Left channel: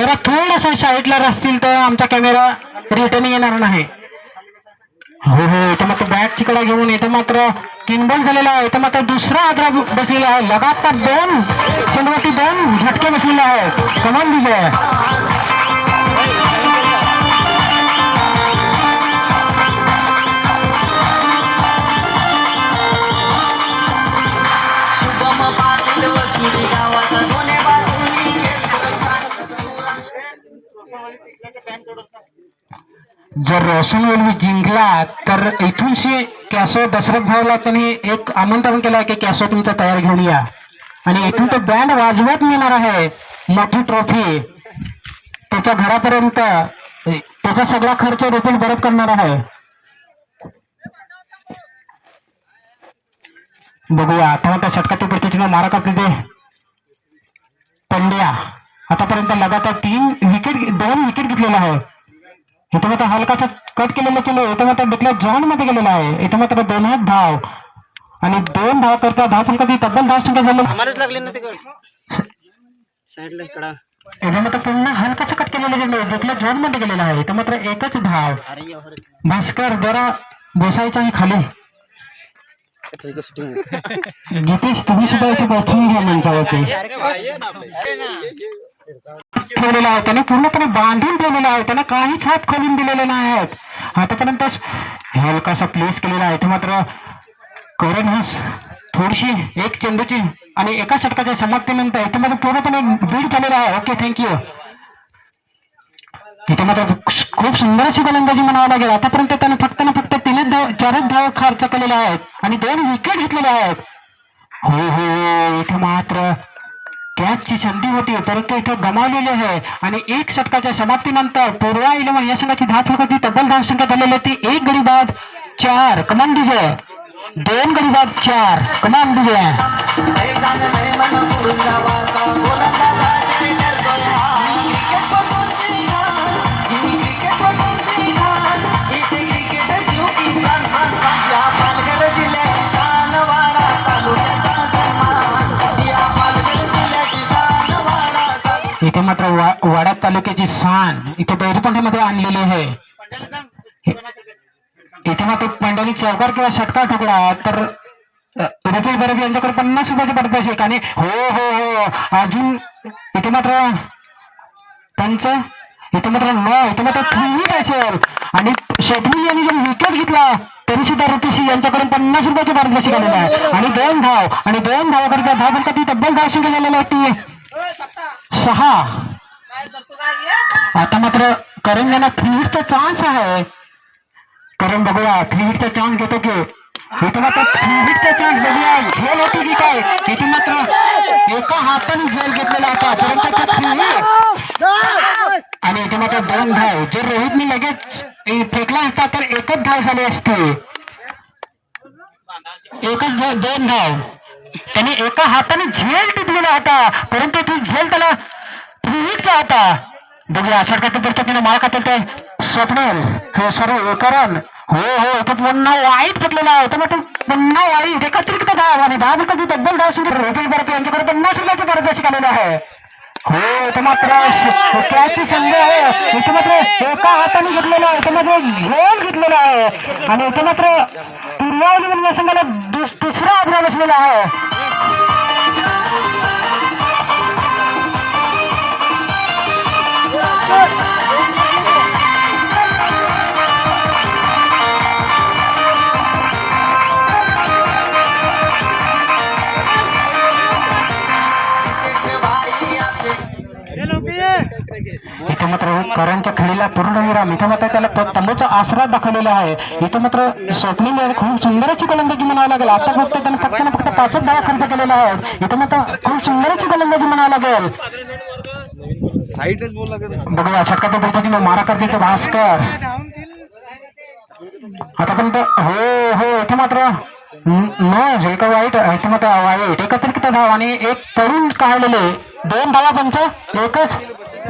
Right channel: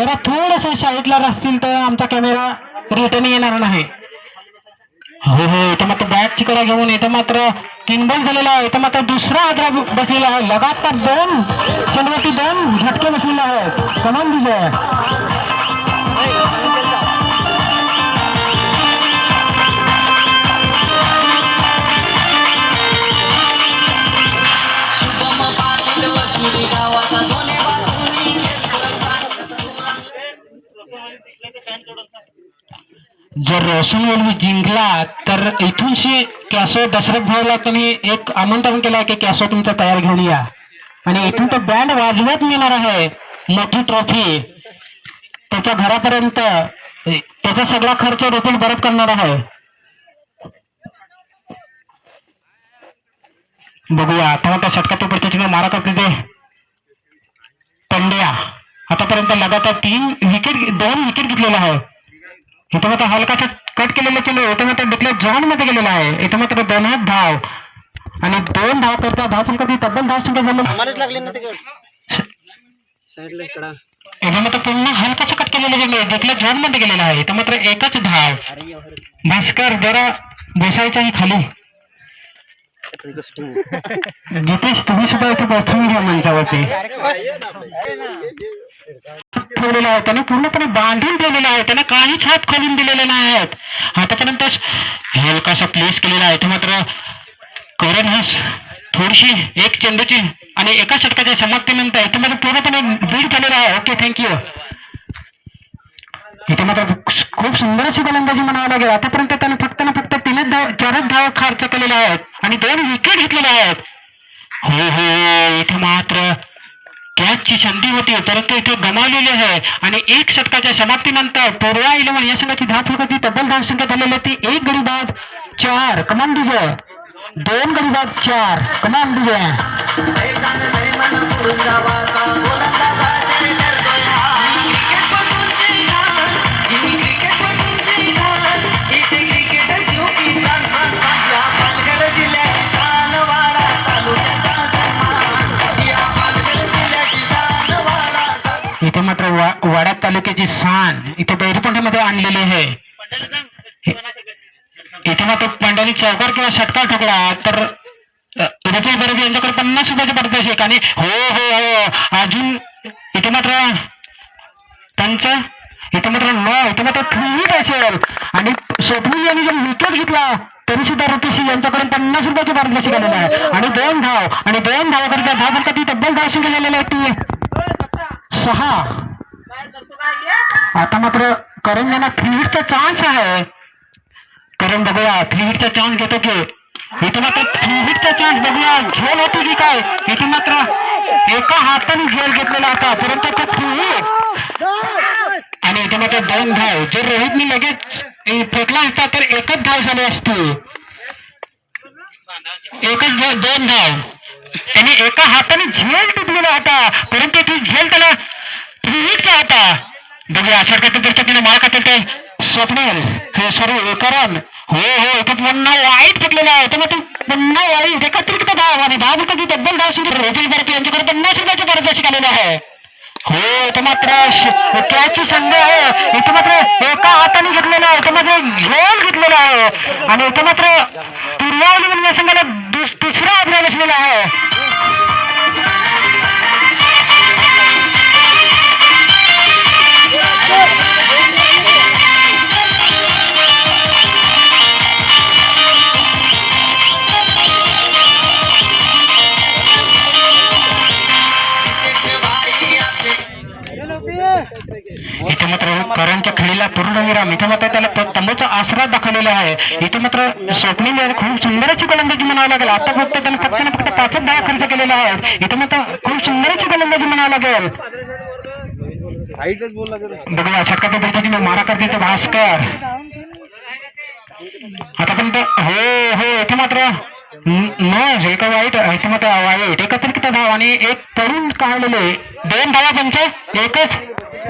जरा थोडस साईडला असतील तर आमचा कॅमेरा रिटर्न येणार नाही. हो हो, इथं मात्र बॅट तिकडे घेऊन इथं मात्र किनबॉल झालेला आहे. इथं मात्र दुसरा आद्रा बसलेला आहे. लगातार दोन चेंडूवरती दोन झटके बसलेले आहेत. कमान विजय. जर रोशन वेल्वी जिंकला तर इथूनशी कॅसो दशरथ भाऊला त्यांनी एक आमंत्रण केलं की कॅसो तुमचा तयार घेऊन या आणि इथून तो बँड वाजवत नेणार आहे. मोठी ट्रॉफी त्याच्या घरापर्यंत त्याचा सगळा खर्च रोखील परत करणार आहे. बघूया आता त्या षटकातील प्रतिष्ठेने मारा करते ते पंड्या. आतापर्यंत लगातार 2 विकेट घेतलेला आहे. इथं मात्र हलकाचा कट केलेला चेंडू इथं मात्र डिक्लेअर झोन मध्ये गेलेला आहे. इथं मात्र 2 धाव आणि 2 धाव तर त्या धावसंख्येची तब्बल धावसंख्या झाली. इथं मात्र पुन्हा हलकाचा कट केलेला चेंडू डिक्लेअर झोन मध्ये गेलेला आहे. इथं मात्र 1च धाव. भास्कर जरा बसायचा आहे खाली. गीतेश तुम्ही सुद्धा इथे बसून घ्या मंचावरती. ठेवलेला आहे त्याने पूर्णपणे बांधून ठेवलेला आहे. त्याने काहीच हात खोलून दिलेले नाही आहेत. आतापर्यंत हलकासा प्लेस केलेला आहे. मात्र करण हस थोडीशी एक चेंडूची आणि एका षटकाच्या समाप्तीनंतर इथे मात्र पूर्णपणे बीड झालेला आहे. Okay thank you. इथे मात्र खूप सुंदर अशी गोलंदाजी म्हणावं लागेल. आतापर्यंत त्याने फक्त 4च धाव खर्च केलेले आहेत आणि 2 विकेट घेतलेले आहेत. हो हो, इथे मात्र कॅचची संधी होती परंतु इथे गमावलेली आहे आणि 1 षटकाच्या समाप्तीनंतर पूर्वा इलेव्हन या संघाची धावसंख्या तब्बल धावसंख्या झालेली ती 1 गडी बाद 4 कमान विजय. 2 गडी बाद 4 कमान विजय. इथे मात्र वाडा तालुक्याची शान इथे बैरपंड्यामध्ये आणलेली आहे. इथे मात्र पंड्याने चौकार किंवा षटकार ठोकला तर रुपेश बरोबर यांच्याकडे 50 रुपयाचे पारितोषिक आणि हो हो हो अजून इथे मात्र पंच इथे मात्र इथे मात्र 3 हिट असेल आणि स्वप्नील यांनी जर विकेट घेतला तरी सुद्धा रुपेश यांच्याकडून 50 रुपयाचे पारितोषिक आलेलं आहे आणि 2 धाव आणि 2 धावाकरिता धावसंख्या ती तब्बल धावसंख्या झालेली आहे ती 6. आता मात्र करण यांना 3 हिटचा चान्स आहे. करण बघूया 3 हिटचा चान्स घेतो की इथे मात्र 3 हिटचा चान्स बघूया झेल होती की काय. इथे मात्र एका हाताने झेल घेतलेला होता परंतु 3 हिट आणि इथे मात्र 2 धाव. जर रोहितने लगेच फेकला असता तर 1च धाव झाली असती. 2 धाव त्याने एका हाताने झेल टिपलेला होता परंतु ती झेल त्याला 3 हिटचा होता. बघूया षटकातील प्रतिष्ठेने मारा खातील ते स्वप्नील हे सर्व करण. हो हो इथे पुन्हा वाईट घेतलेला आहे. मग पुन्हा वाईट एकत्रित धाव आणि 10 विकेट तब्बल धाव रोहित भारती यांच्याकडे 50 रुपयाचे पारितोषिक आलेले आहे. हो इथे मात्र कॅचची संधी आहे. इथे मात्र एका हाताने घेतलेला आहे. इथे मात्र झेल घेतलेला आहे आणि इथे मात्र पूर्वा या संघाला दुसरा आग्रह बसलेला आहे. इथे मात्र करणच्या खेळीला पूर्णविराम. इथे मात्र त्याला तंबूचा आसरा दाखवलेला आहे. इथे मात्र स्वप्नील खूप सुंदरची गोलंदाजी म्हणावं लागेल. आता फक्त त्याने फक्त 5च धावा खर्च केलेला आहे. इथे मात्र खूप सुंदरची गोलंदाजी म्हणावं लागेल. बघूया षटकाच्या पद्धतीने मारा करते भास्कर. आतापर्यंत हो हो इथे मात्र एका वाईट इथे मात्र वाईट एकत्रित धाव आणि 1 पडून काढलेले 2 धावा पंच 1च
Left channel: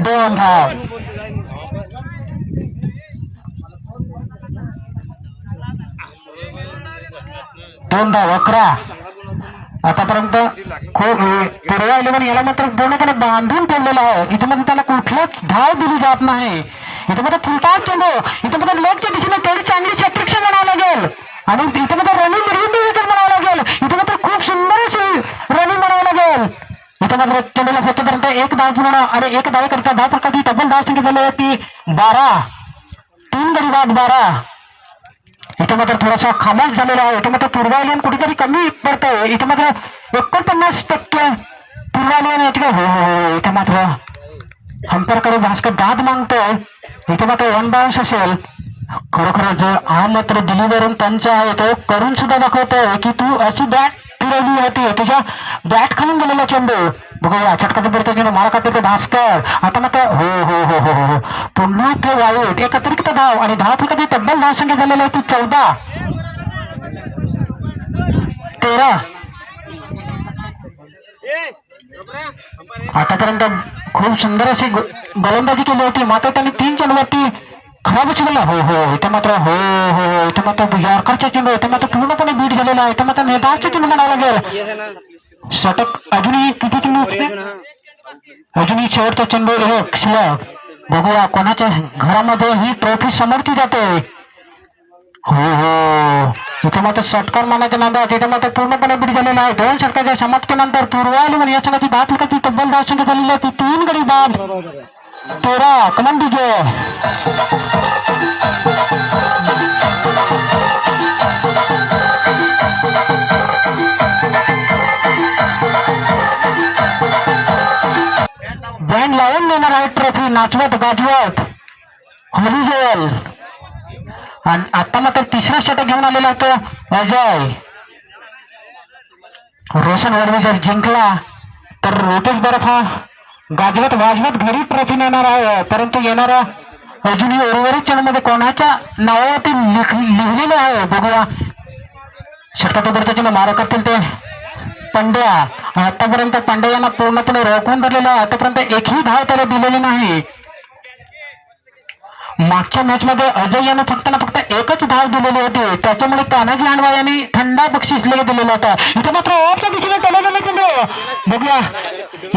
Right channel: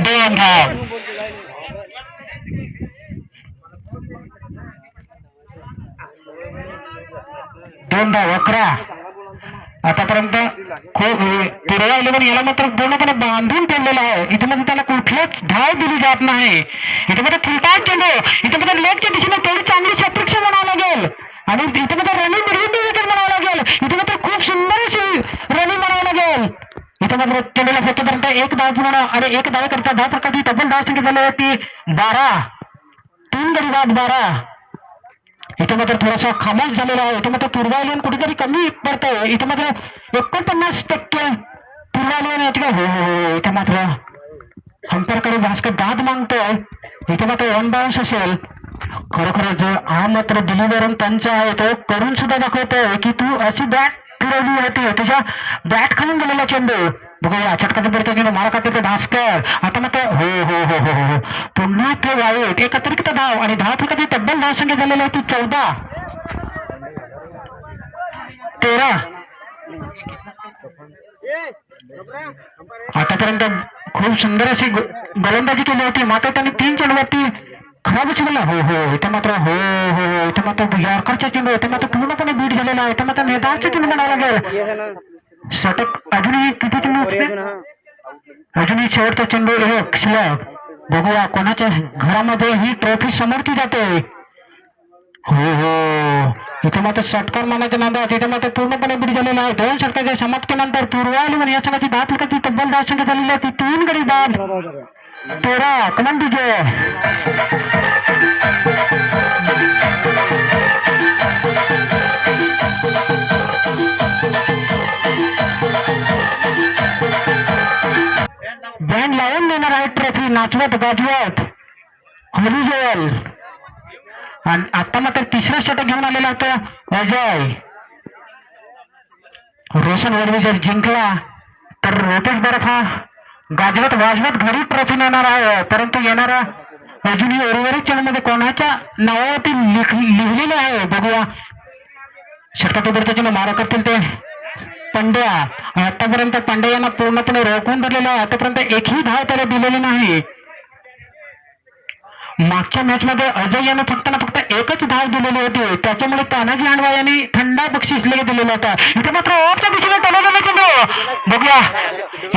2 धाव. दोन धाव 11 आतापर्यंत खूप पूर्व 11 याला मात्र पूर्णपणे बांधून ठेवलेला आहे. इथे मध्ये त्याला कुठलाच धाव दिली जात नाही. इथे मध्ये फुलटाच चेंडू, इथे मध्ये लेगच्या दिशेने थोडी चांगली शतरक्षण म्हणावं लागेल आणि इथे मध्ये रनिंग विकेट म्हणावं लागेल. इथे मात्र खूप सुंदर अशी रनिंग म्हणावं लागेल. इथे मात्र चेंडूला फेकेपर्यंत एक धाव पूर्ण आणि एक धाव करता धाव प्रकारची डबल धाव संख्या झाली होती 12. 3 गडी बाद 12. इथे मात्र थोडासा खामोश झालेला आहे. इथे मात्र पूर्वायलन कुठेतरी कमी पडतंय. इथे मात्र 49% पूर्वायलन येते का? हो हो हो. इथे मात्र अंपरकडे भास्कर दाद मागतोय. इथे मात्र वन बाउन्स असेल. खरोखर जो हा मात्र दिल्लीवरून पंच आहे तो करून सुद्धा दाखवतोय की तू अशी बॅट फिरवली होती, तुझ्या बॅट खालून गेलेला चेंडू. बघूया चटका पडतो की मारा खाते ते भास्कर. आता मात्र हो हो हो हो हो पुन्हा ते वाईट एक अतिरिक्त धाव आणि धाव फक्त तब्बल धाव संख्या झालेली होती 14. 13. आतापर्यंत खूप सुंदर अशी गोलंदाजी केली होती. मात्र त्यांनी 3 चेंडूवरती खराब उचलला. हो हो इथे मात्र हो हो हो इथे मात्र यॉर्करचा चेंडू इथे मात्र पूर्णपणे बीट झालेला आहे. इथे मात्र नेताळचा चेंडू म्हणावं लागेल. षटक अजूनही किती चेंडू होते? अजूनही शेवटचा चेंडू एक शिल्लक. बघूया कोणाच्या घरामध्ये ही ट्रॉफी समोरची जाते. हो हो इथे मात्र षटकार मानाच्या नादात इथे मात्र पूर्णपणे बीट झालेला आहे. 2 षटकाच्या समाप्तीनंतर पूर्वायलन या संघाची धाव फलकाची तब्बल धाव संख्या झालेली होती 3 गडी बाद 13. कमान विजय. बँड लावून देणार आहे ट्रॉफी नाचवत गाजवत होली जेल. आणि आता मात्र 3रा षटक घेऊन आलेला होता अजय. रोशन वडवी जर जिंकला तर रोटेश बर्फ हा गाजवत वाजवत घरी ट्रॉफी नेणार आहे. परंतु येणारा अजूनही उर्वरित चेंडूमध्ये कोणाच्या नावावरती लिहिलेलं आहे बघूया. षटकाच्या मारा करतील ते पंड्या. आतापर्यंत पंड्या यांना पूर्णपणे रोखून धरलेला आहे. आतापर्यंत एकही धाव त्याला दिलेली नाही. मागच्या मॅच मध्ये अजय यानं फक्त ना फक्त एकच धाव दिलेली होती. त्याच्यामुळे तानाजी हांडवा यांनी थंडा बक्षीस दिलेला होता. इथे मात्र ऑफच्या दिशेने चालू झाले चेंडू. बघूया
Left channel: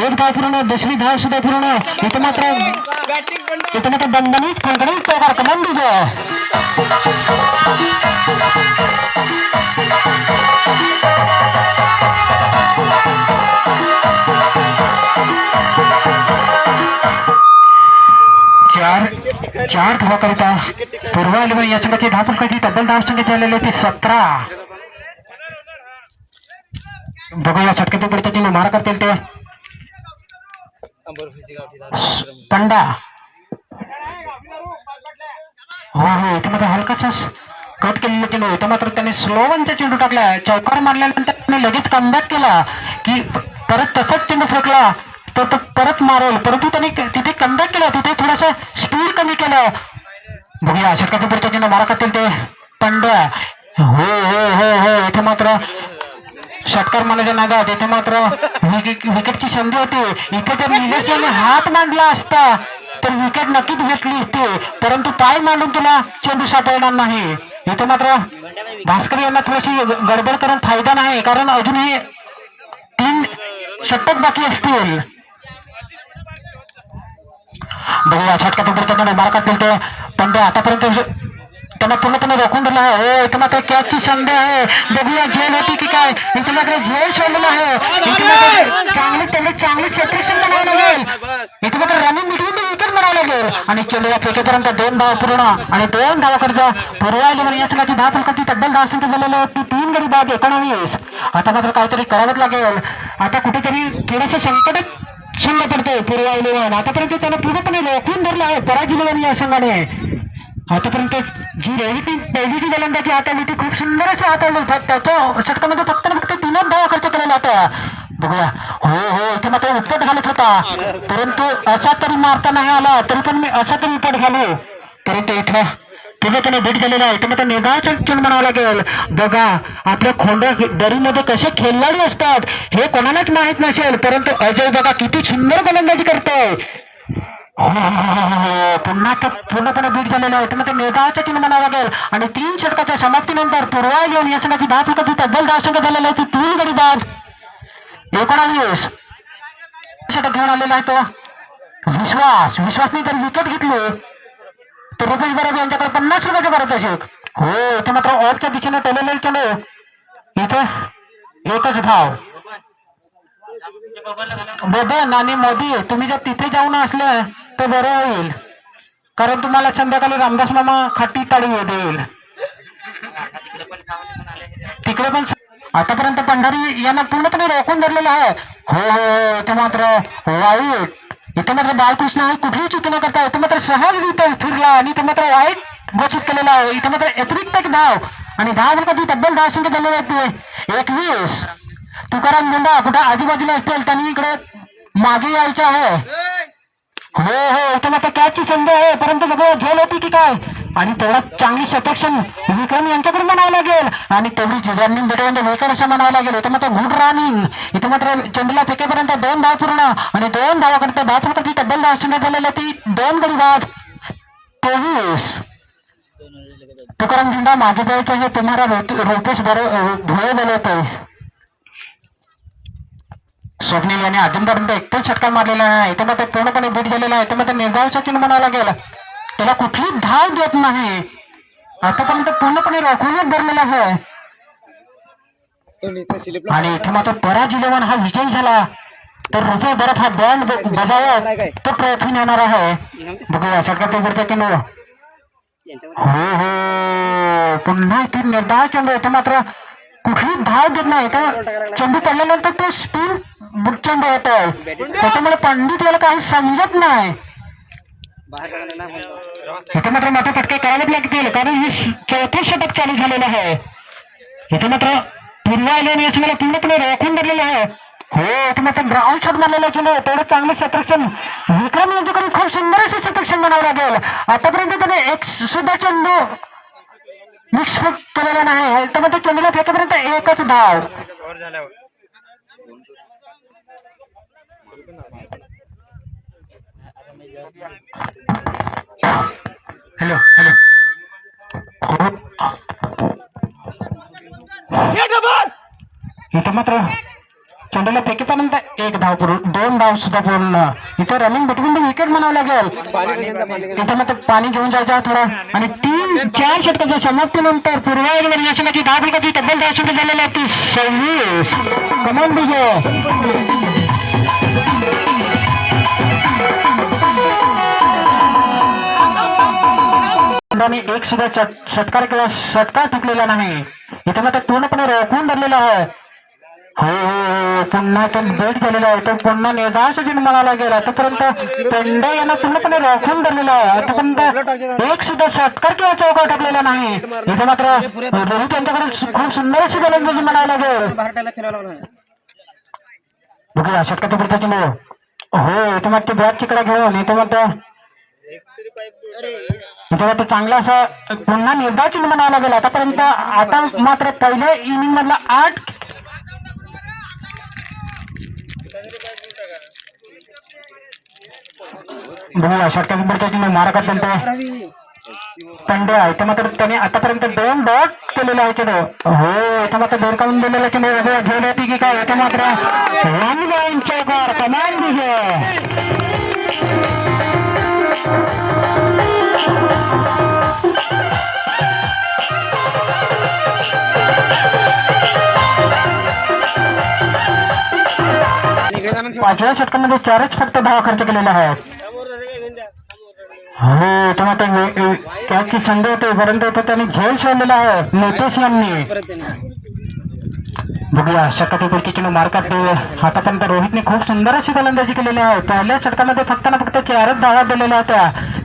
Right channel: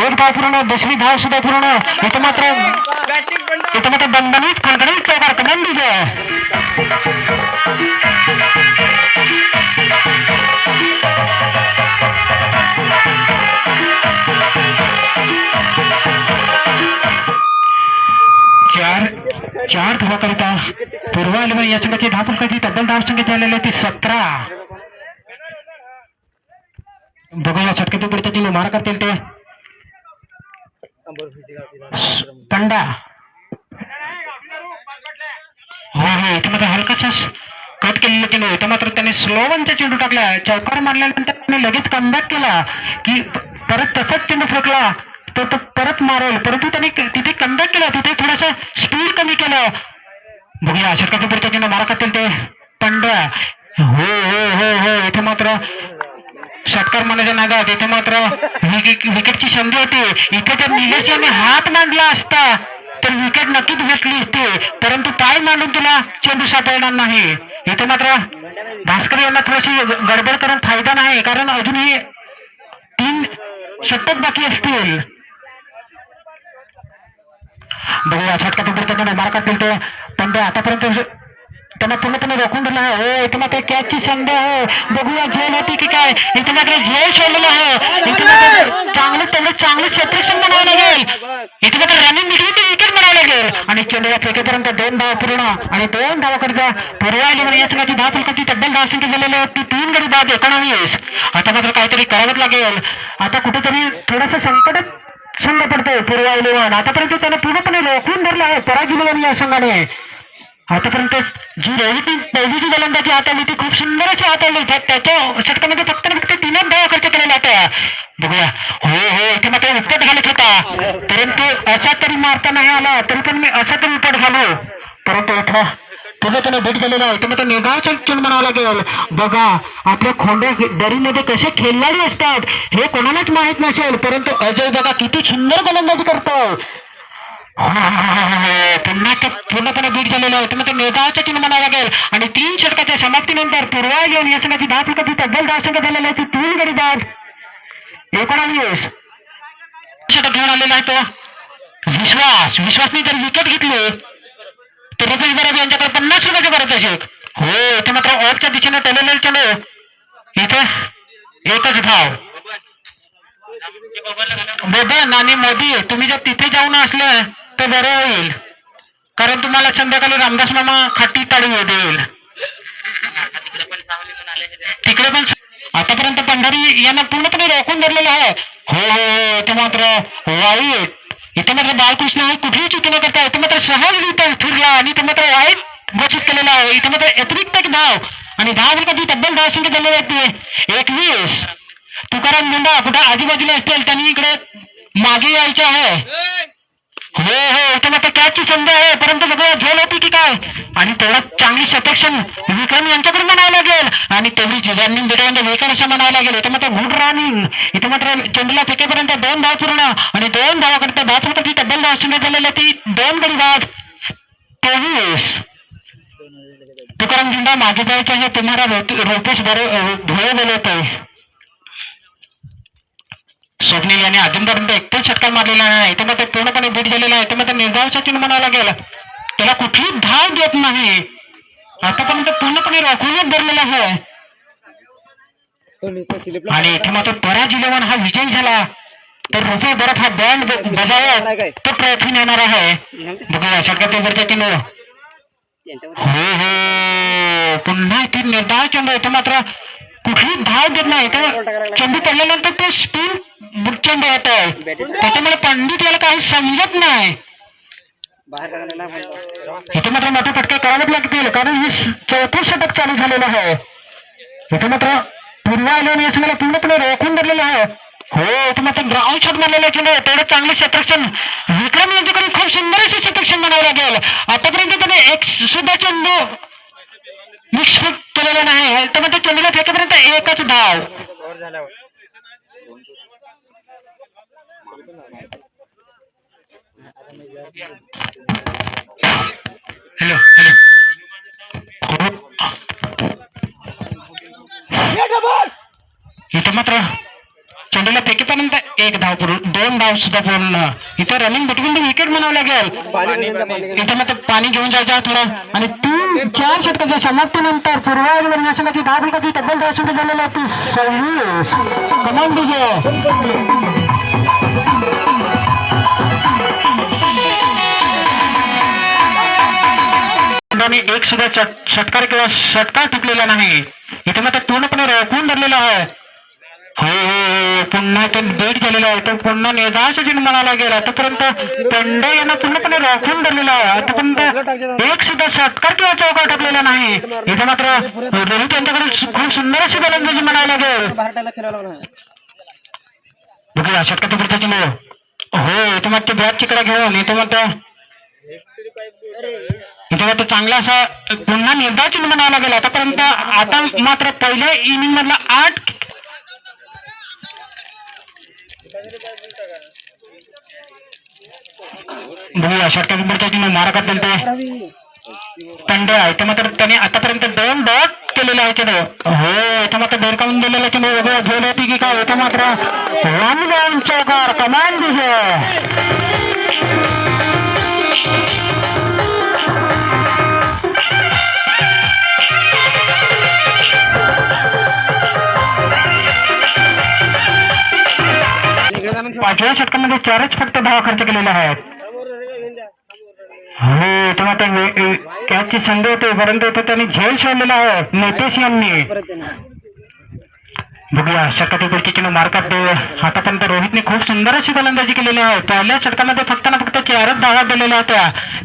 एक धाव पूर्ण, दुसरी धाव सुद्धा पूर्ण. इथे मात्र दणदणीत खणखणीत चौकार कमान विजय. चार धावाकरिता पूर्वायलन या संघाची धाव फलकाची तब्बल धाव संख्या झालेली होती 17. बघूया षटकाच्या पडत्याची मारा करतील ते पंडा. हो हो इथे मात्र हलकासा कट केलेला चेंडू. इथे मात्र त्याने स्लोवनचा चेंडू टाकला. चौकार मारल्यानंतर त्याने लगेच कमबॅक केला की परत तसाच चेंडू फेकला तर तो परत मारेल. परंतु त्याने तिथे कमबॅक केला, तिथे थोडासा स्पीड कमी केलं. बघूया षटकाच्या पडत्याची मारा करतील ते पंड्या. हो हो हो हो इथे मात्र षटकार मारण्याच्या नादात इथे मात्र विकेटची संधी होती. इथे जर निलेश यांनी हात मांडला असता तर विकेट नक्कीच घेतली असती. परंतु पाय मांडून तुला चेंडू सापडणार नाही. इथे मात्र भास्कर यांना थोडीशी गडबड करून फायदा नाही, कारण अजूनही 3 षटक बाकी असतील. बघूया षटकाच्या पडत्याची मारा करतील ते पंड्या. आतापर्यंत त्यांना पूर्णपणे रोखून दिला आहे. हो इथे मात्र कॅचची संधी आहे. बघूया झेल होती की काय. इथे मात्र झेल सोडलेला आहे. इथे मात्र चांगली क्षेत्रक्षण बनावं लागेल. इथे मात्र रनिंग मिळून विकेट बनावं लागेल आणि चेंडूला फेकेपर्यंत 2 धाव पूर्ण आणि 2 धावाकरिता पूर्वायलन या संघाची धाव फलकाची तब्बल धाव संख्या झालेली होती 3 गडी बाद 19. आता मात्र काहीतरी करावंच लागेल. आता कुठेतरी थोडंसं संकटात संघ पडतोय पूर्वायलन. आतापर्यंत त्याला पूर्णपणे रोखून धरलं आहे पराजित या संघाने. आतापर्यंत जी पहिलीची गोलंदाजी हाताळली ती खूप सुंदर अशी हाताळली. त्याच्या षटकामध्ये फक्त 3च धावा खर्च केलेला होता. बघूया हो हो इथे मात्र उपट घालत होता, परंतु असा तरी मारता नाही आला. तरी पण मी असा तरी उपट घालू, परंतु इथं त्याने भेट झालेला आहे. तुम्ही निगावचा खेळ म्हणावं लागेल. बघा आपल्या खोंड्या दरीमध्ये कसे खेळणारे असतात हे कोणालाच माहित नसेल, परंतु अजय बघा किती सुंदर गोलंदाजी करतोय. पूर्णपणे बीट झालेला आहे. तुम्ही निगावचा खेळ म्हणावं लागेल. आणि 3 षटकाच्या समाप्तीनंतर पूर्वायलन या संघाची धाव फलकाची तब्बल धाव संख्या झालेली आहे 3 गडी बाद 19 षटक घेऊन आलेला आहे तो विश्वासने जर विकेट घेतली तर रुपेश बराब यांच्याकडे 50 रुपयाचे पारितोषिक. हो इथे मात्र ऑफच्या दिशेने टोलेले चलो. इथे एकच धाव. बबन आणि मोदी तुम्ही जर तिथे जाऊन असले तर बरं होईल, कारण तुम्हाला संध्याकाळी रामदास मामा खाटी ताळी देईल. तिकडे पण आतापर्यंत पंढरी यांना पूर्णपणे रोखून धरलेलं आहे. हो हो इथे मात्र वाईट. इथे मात्र बाळकृष्ण आहे कुठेही चुकी न करता इथे मात्र सहजरित्या फिरला आणि इथे मात्र वाईट घोषित केलेला आहे. इथे मात्र अतिरिक्त एक धाव आणि 10 कधी तब्बल 10 संख्या दिलेली होती. 21 तुकाराम गुंडा कुठे आजूबाजूला असतील त्यांनी इकडे मागे यायचे आहे. हो हो इथे मात्र कॅचची संधी आहे, परंतु बघा झेल होती की काय. आणि तेवढा चांगली शतक्षण विक्रम यांच्याकडून म्हणावं लागेल आणि तेवढी रनिंग भेटवून विकेट असं म्हणावं लागेल. इथे मात्र गुड रनिंग. इथे मात्र चेंडूला फेकेपर्यंत 2 धाव पूर्ण आणि 2 धावाकरिता 10 फुटाची तब्बल 10 संख्या झालेली ती 2 गडी बाद. 23 तुकाराम गुंडा मागे जायचं हे तुम्हाला रुपेश भोळे बोलवतोय. स्वप्नील यांनी अजूनपर्यंत एकच षटकार मारलेला आहे. इथे मात्र पूर्णपणे बीट झालेला आहे. इथे मात्र निर्धावाचा चिन्ह म्हणावं लागेल. त्याला कुठली धाव देत नाही. आतापर्यंत पूर्णपणे रोखूनच धरलेला आहे. आणि इथे मात्र पराज 11 हा विजय झाला तर रुपये बरफ हा बँड बजावत तो प्रयत्न येणार आहे. बघूया षटकाचा चिन्ह. हो हो पुन्हा इथे निर्धाव चेंडू. इथे मात्र कुठली धाव देत नाही. चेंडू पडल्यानंतर तो स्पिन चेंडू होतोय, त्याच्यामुळे पंडित याला काही समजत नाही. इथे मात्र मोठे फटके करावेच लागतील, कारण हे 4थं षटक चालू झालेलं आहे. इथे मात्र पूर्वा इलेव्हन मला पूर्णपणे रोखून धरलेलं आहे. हो इथे मात्र ग्राउंड शॉट मारलेला चेंडू तेवढे चांगले शतरक्षण विक्रम यांच्याकडून खूप सुंदर असे शतरक्षण बनावं लागेल. आतापर्यंत त्याने एक सुद्धा चेंडू मिक्स केलेला नाही. तर मग चेंडूला फेकेपर्यंत एकच धाव. हॅलो हॅलो इथे मात्र चेंडूला फेकेपर्यंत 1 धाव पूर्ण 2 धाव सुद्धा पूर्ण. इथे रनिंग बिटवीन द विकेट म्हणावं लागेल. इथे मात्र पाणी घेऊन जायचं थोडं आणि 3-4 षटकाच्या समाप्तीनंतर पूर्वावर यशमाची 10 फलकाची तब्बल 10 षटक झालेली आहे. 26 कमान विजय. एक सुद्धा षटकार किंवा षटकार टिकलेला नाही. इथे मात्र पूर्णपणे रोखून धरलेला आहे. हो हो पुन्हा तो बेट झालेला आहे. तो पुन्हा निर्धावाचा चिन्ह म्हणावं लागेल. आतापर्यंत पेंडे यांना पूर्णपणे रोखून धरलेला आहे. आतापर्यंत एक सुद्धा षटकार किंवा चौकार टाकलेला नाही. इथे मात्र रोहित यांच्याकडून खूप सुंदर अशी गोलंदाजी म्हणावं लागेल. बघूया षटकाचा पुढचा चिन्ह. हो इथे मात्र बॅट चिकडा घेऊन इथे मात्र चांगला असा पुन्हा निर्धाव चिन्ह म्हणावं लागेल. आतापर्यंत आता मात्र पहिल्या इनिंग मधला 8 बघूया षटकाचा पुढचा चिन्ह मारा करतील ते पंड्या. इथे मात्र त्याने आतापर्यंत 2 डॉट केलेले आहे चेंडू. हो इथे मात्र बेरकावून दिलेला चेंडू झेल होती की काय. इथे मात्र 1 डाऊन चौकार कमान विजय. पाचव्या षटकामध्ये 4च फक्त धावा खर्च केलेला आहे. हो तेव्हा कॅचची संधी होते परंतु त्यांनी झेल सोडलेला आहे नितेश यांनी. बघूया षटकातील चेंडू मार्कात देऊ. आतापर्यंत रोहितने खूप सुंदर अशी गोलंदाजी केलेली आहे. पहिल्या षटकामध्ये फक्त ना फक्त 4च धावा दिलेल्या होत्या.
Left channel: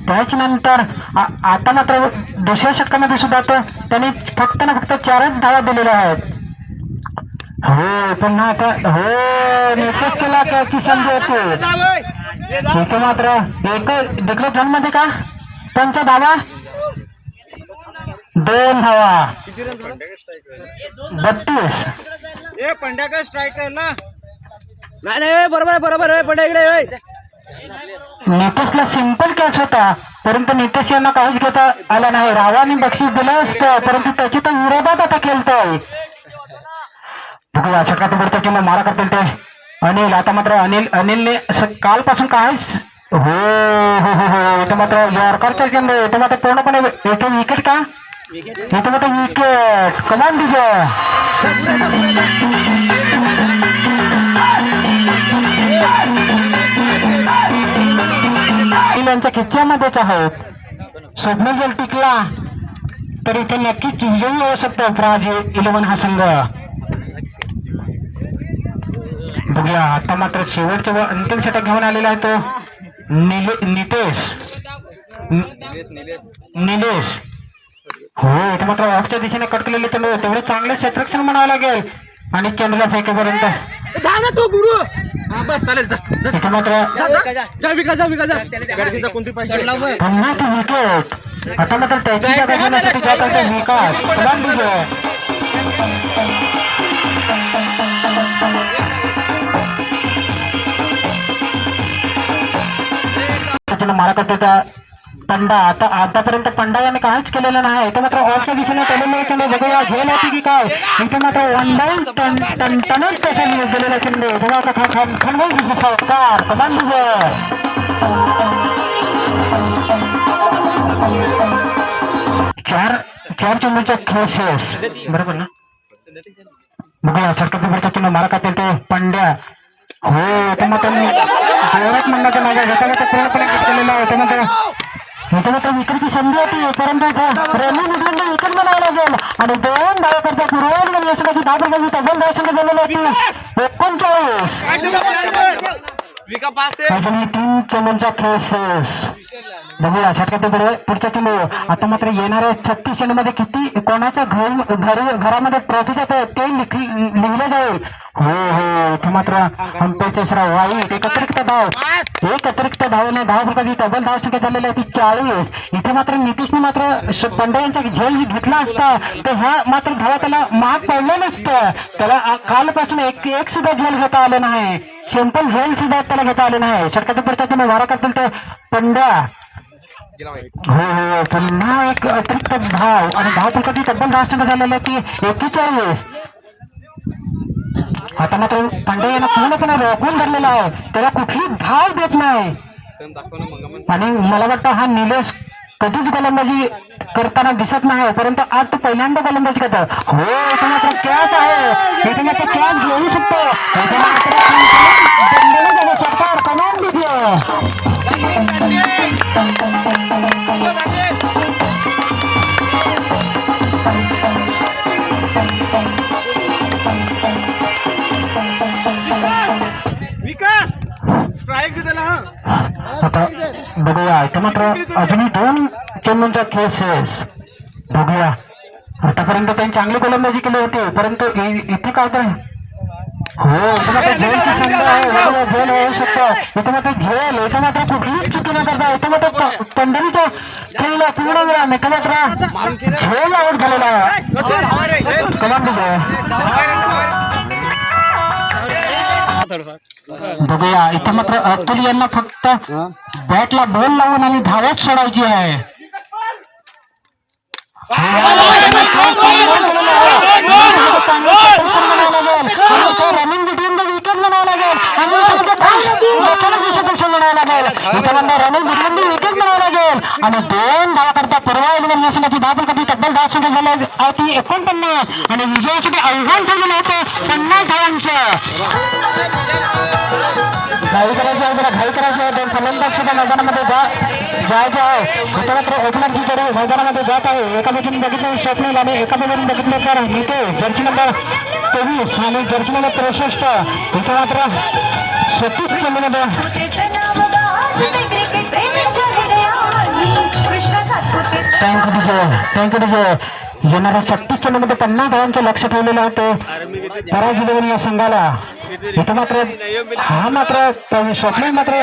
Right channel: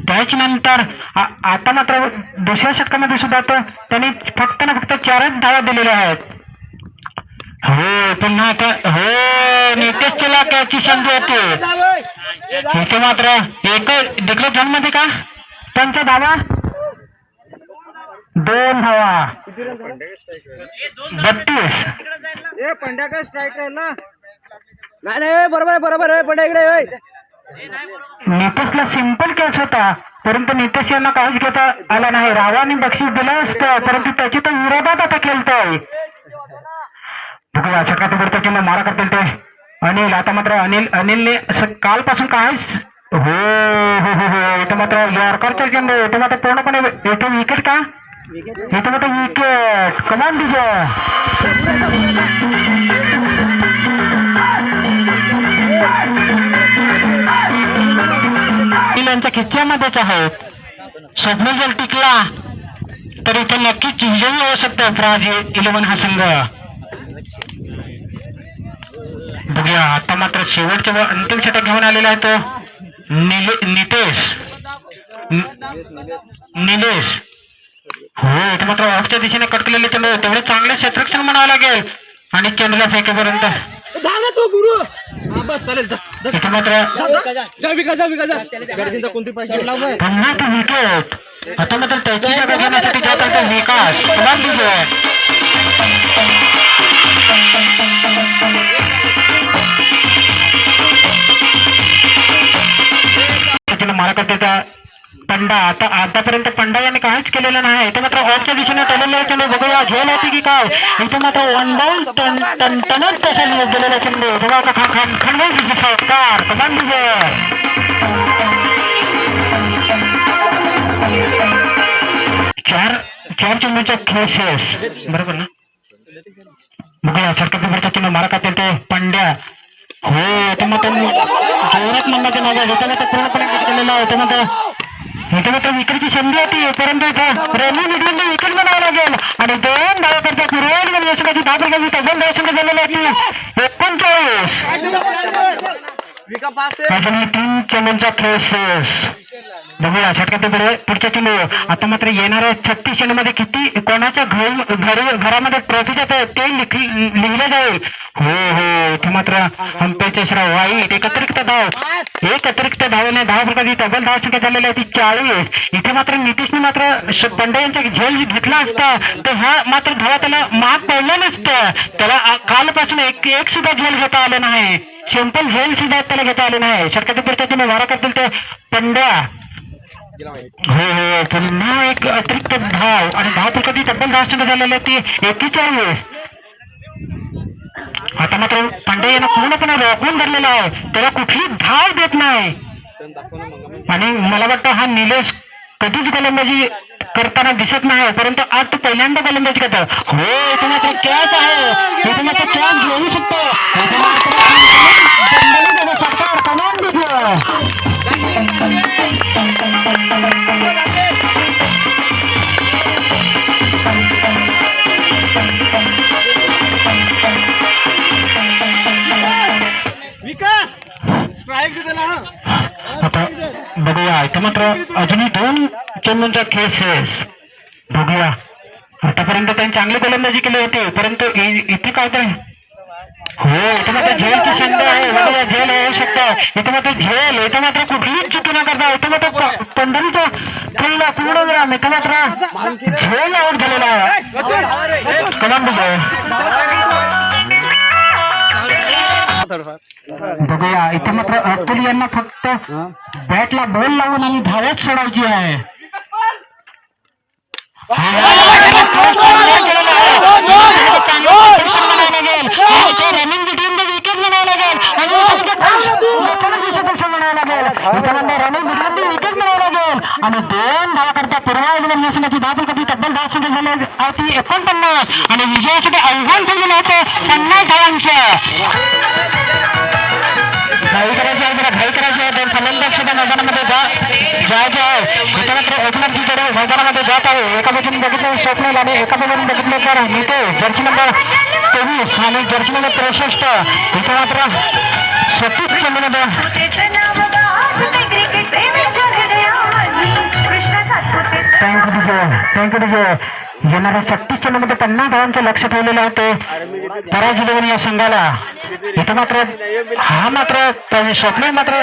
त्याच नंतर आता मात्र दुसऱ्या षटकामध्ये सुद्धा त्यांनी फक्त ना फक्त 4च धावा दिलेल्या आहेत. हो पुन्हा आता हो नितेशला कॅचची संधी होती. इथे मात्र एक डिक्लेअर झोन मध्ये का त्यांचा धावा 2 धावा 32. पंड्याकडे स्ट्रायकर ना नाही बरोबर आहे पंड्या इकडे. नितेशला सिंपल कॅच होता परंतु नितेश यांना काहीच घेता आला नाही. रावाने बक्षीस दिलं असतं परंतु त्याची तर विरोधात आता खेळतोय. बघूया षटकाचा पुढचा चिन्ह मारा करतील ते अनिल आता मात्र अनिलने असं कालपासून काहीच हो हो हो हो इथं मात्र यॉर्करचा चेंडू इथं मात्र पूर्णपणे इथं विकेट का इथं मात्र विकेट कमान दिसं यांच्या खिच्च्यामध्येच आहेत स्वप्नील जर टिकला तर इथे नक्कीच विजयी होऊ शकतो प्राज 11 हा संघ बघूया आता मात्र शेवटच्या व अंतिम षटक घेऊन आलेला आहे तो निलेश हो इथे मात्र ऑफच्या दिशेने कट केलेले चेंडू तेवढे चांगले क्षेत्ररक्षण म्हणावं लागेल आणि चेंडूला फेकेपर्यंत इथे मात्र पुन्हा तो विकेट आता मात्र त्याची जागा घेण्यासाठी जात आहे विकास कमाल विजय मारा करते त्या पंडा आता आतापर्यंत पंडा याने काहीच केलेलं नाही इथे मात्र ऑफच्या दिशेने टलेले चेंडू बघूया झेल होती की काय इथे मात्र वन डाऊन टनेच तसा गेलेला चेंडू बघा सत्कार कमान विजय चार चेंडूच्या खेसेस बरोबर ना बघूया सरकार भरता चेंडू मारा करते ते पंड्या हो इथे मात्र जोरात म्हणण्याच्या मागे इथे मात्र पूर्णपणे केलेला आहे इथे मात्र विकेटची संधी होती परंतु इथं रेल्वे मिडलंड विकेट बनावं लागेल आणि 2 धावा करतात रोहन यशकाची 10 प्रकारची तब्बल धावसंख्या झालेली होती 39 अजूनही 3 चेंडूंचा खेसेस बघूया षटकात पुढच्या चेंडू आता मात्र येणाऱ्या 36 चेंडूमध्ये किती कोणाच्या घरामध्ये ट्रॉफी जात ते लिहिलं जाईल हो हो इथे मात्र हंपेचे श्राव वाईट एक अतिरिक्त धावेने 10 प्रकारची तब्बल धावसंख्या झालेली होती 40 इथे मात्र नितीशने मात्र पंड्या यांचा झेल घेतला असता तर हा मात्र धावा त्याला महाग पडला नसतं त्याला कालपासून एक सुद्धा झेल घेता आलं नाही सिंपल झेल सुद्धा त्याला घेता आले नाही षटकात पुढच्या वारा करतील ते पंड्या हो हो पुन्हा एक अतिरिक्त धाव आणि 10 प्रकारची तब्बल धावसंख्या झालेली होती 41 आता मात्र पांडे यांना पूर्णपणे रोखून धरलेला आहे त्याला कुठली धाव देत नाही आणि मला वाटतं हा निलेश कधीच गोलंदाजी करताना दिसत नाही परंतु आज तो पहिल्यांदा गोलंदाजी करतो हो इथे मात्र कॅच आहे इथे मात्र कॅच घेऊ शकतो आता बघूया इथं मात्र अजूनही 2 चेंडूंच्या खेसेस बघूया आतापर्यंत त्यांनी चांगली गोलंदाजी केली होती परंतु इथे काय तर हो इथे मात्र झेलची संधी आहे बघूया झेल होऊ शकतं इथे मात्र झेल इथे मात्र कुठलीच चुकी न करता इथे मात्र पंढरीचा खेळला पूर्ण वेळा इथे मात्र झेल आऊट झालेला आहे कलाम बघूया इथे मात्र अतुल यांना फक्त बॅटला बॉल लावून आणि धावच सोडायची आहे रनिंग बिटवीन द विकेट म्हणावं लागेल रनिंग बिटवीन द विकेट म्हणावं लागेल आणि 2 धावा करता परवा या संघाची 10 प्रकारची तब्बल धावसंख्या झाली होती 49 आणि विजयासाठी आव्हान ठेवलेलं होतं 50 धावांचं घाई करायची आहे जरा घाई करायची आहे 2 फलंदाज सुद्धा मैदानामध्ये जायचे आहे इथे मात्र ओपनर जी कडे मैदानामध्ये जात आहे एका बाजूने बघितलं स्वप्नील आणि एका बाजूने बघितलं तर नितेश जर्सी नंबर 23 आणि जर्सी नंबर 63 इथे मात्र 36 चेंडूमध्ये थँक्यू येणाऱ्या 36 चेंडूमध्ये 50 धावांचं लक्ष ठेवलेलं होतं पराजित या संघाला इथे मात्र हा मात्र स्वप्न मात्र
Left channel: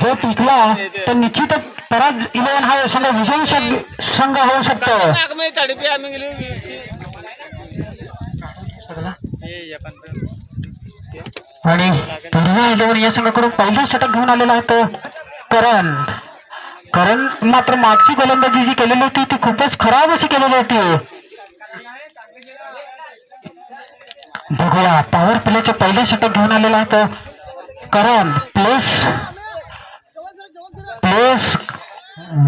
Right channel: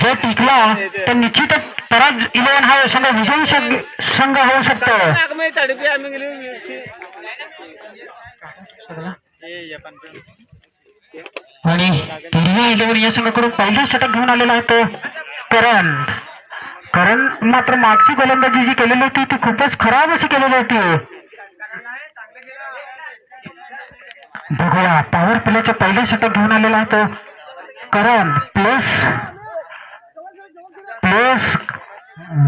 जो टिकला तर निश्चितच पराज 11 हा संघ विजयी संघ होऊ शकतो आणि पूर्वी 11 या संघाकडून पहिलं षटक घेऊन आलेला होतो करण मात्र मागची गोलंदाजी जी केलेली होती ती खूपच खराब अशी केलेली होती बघूया पॉवर प्लेच्या पहिल्या षटक घेऊन आलेला आहे तो करण प्लेस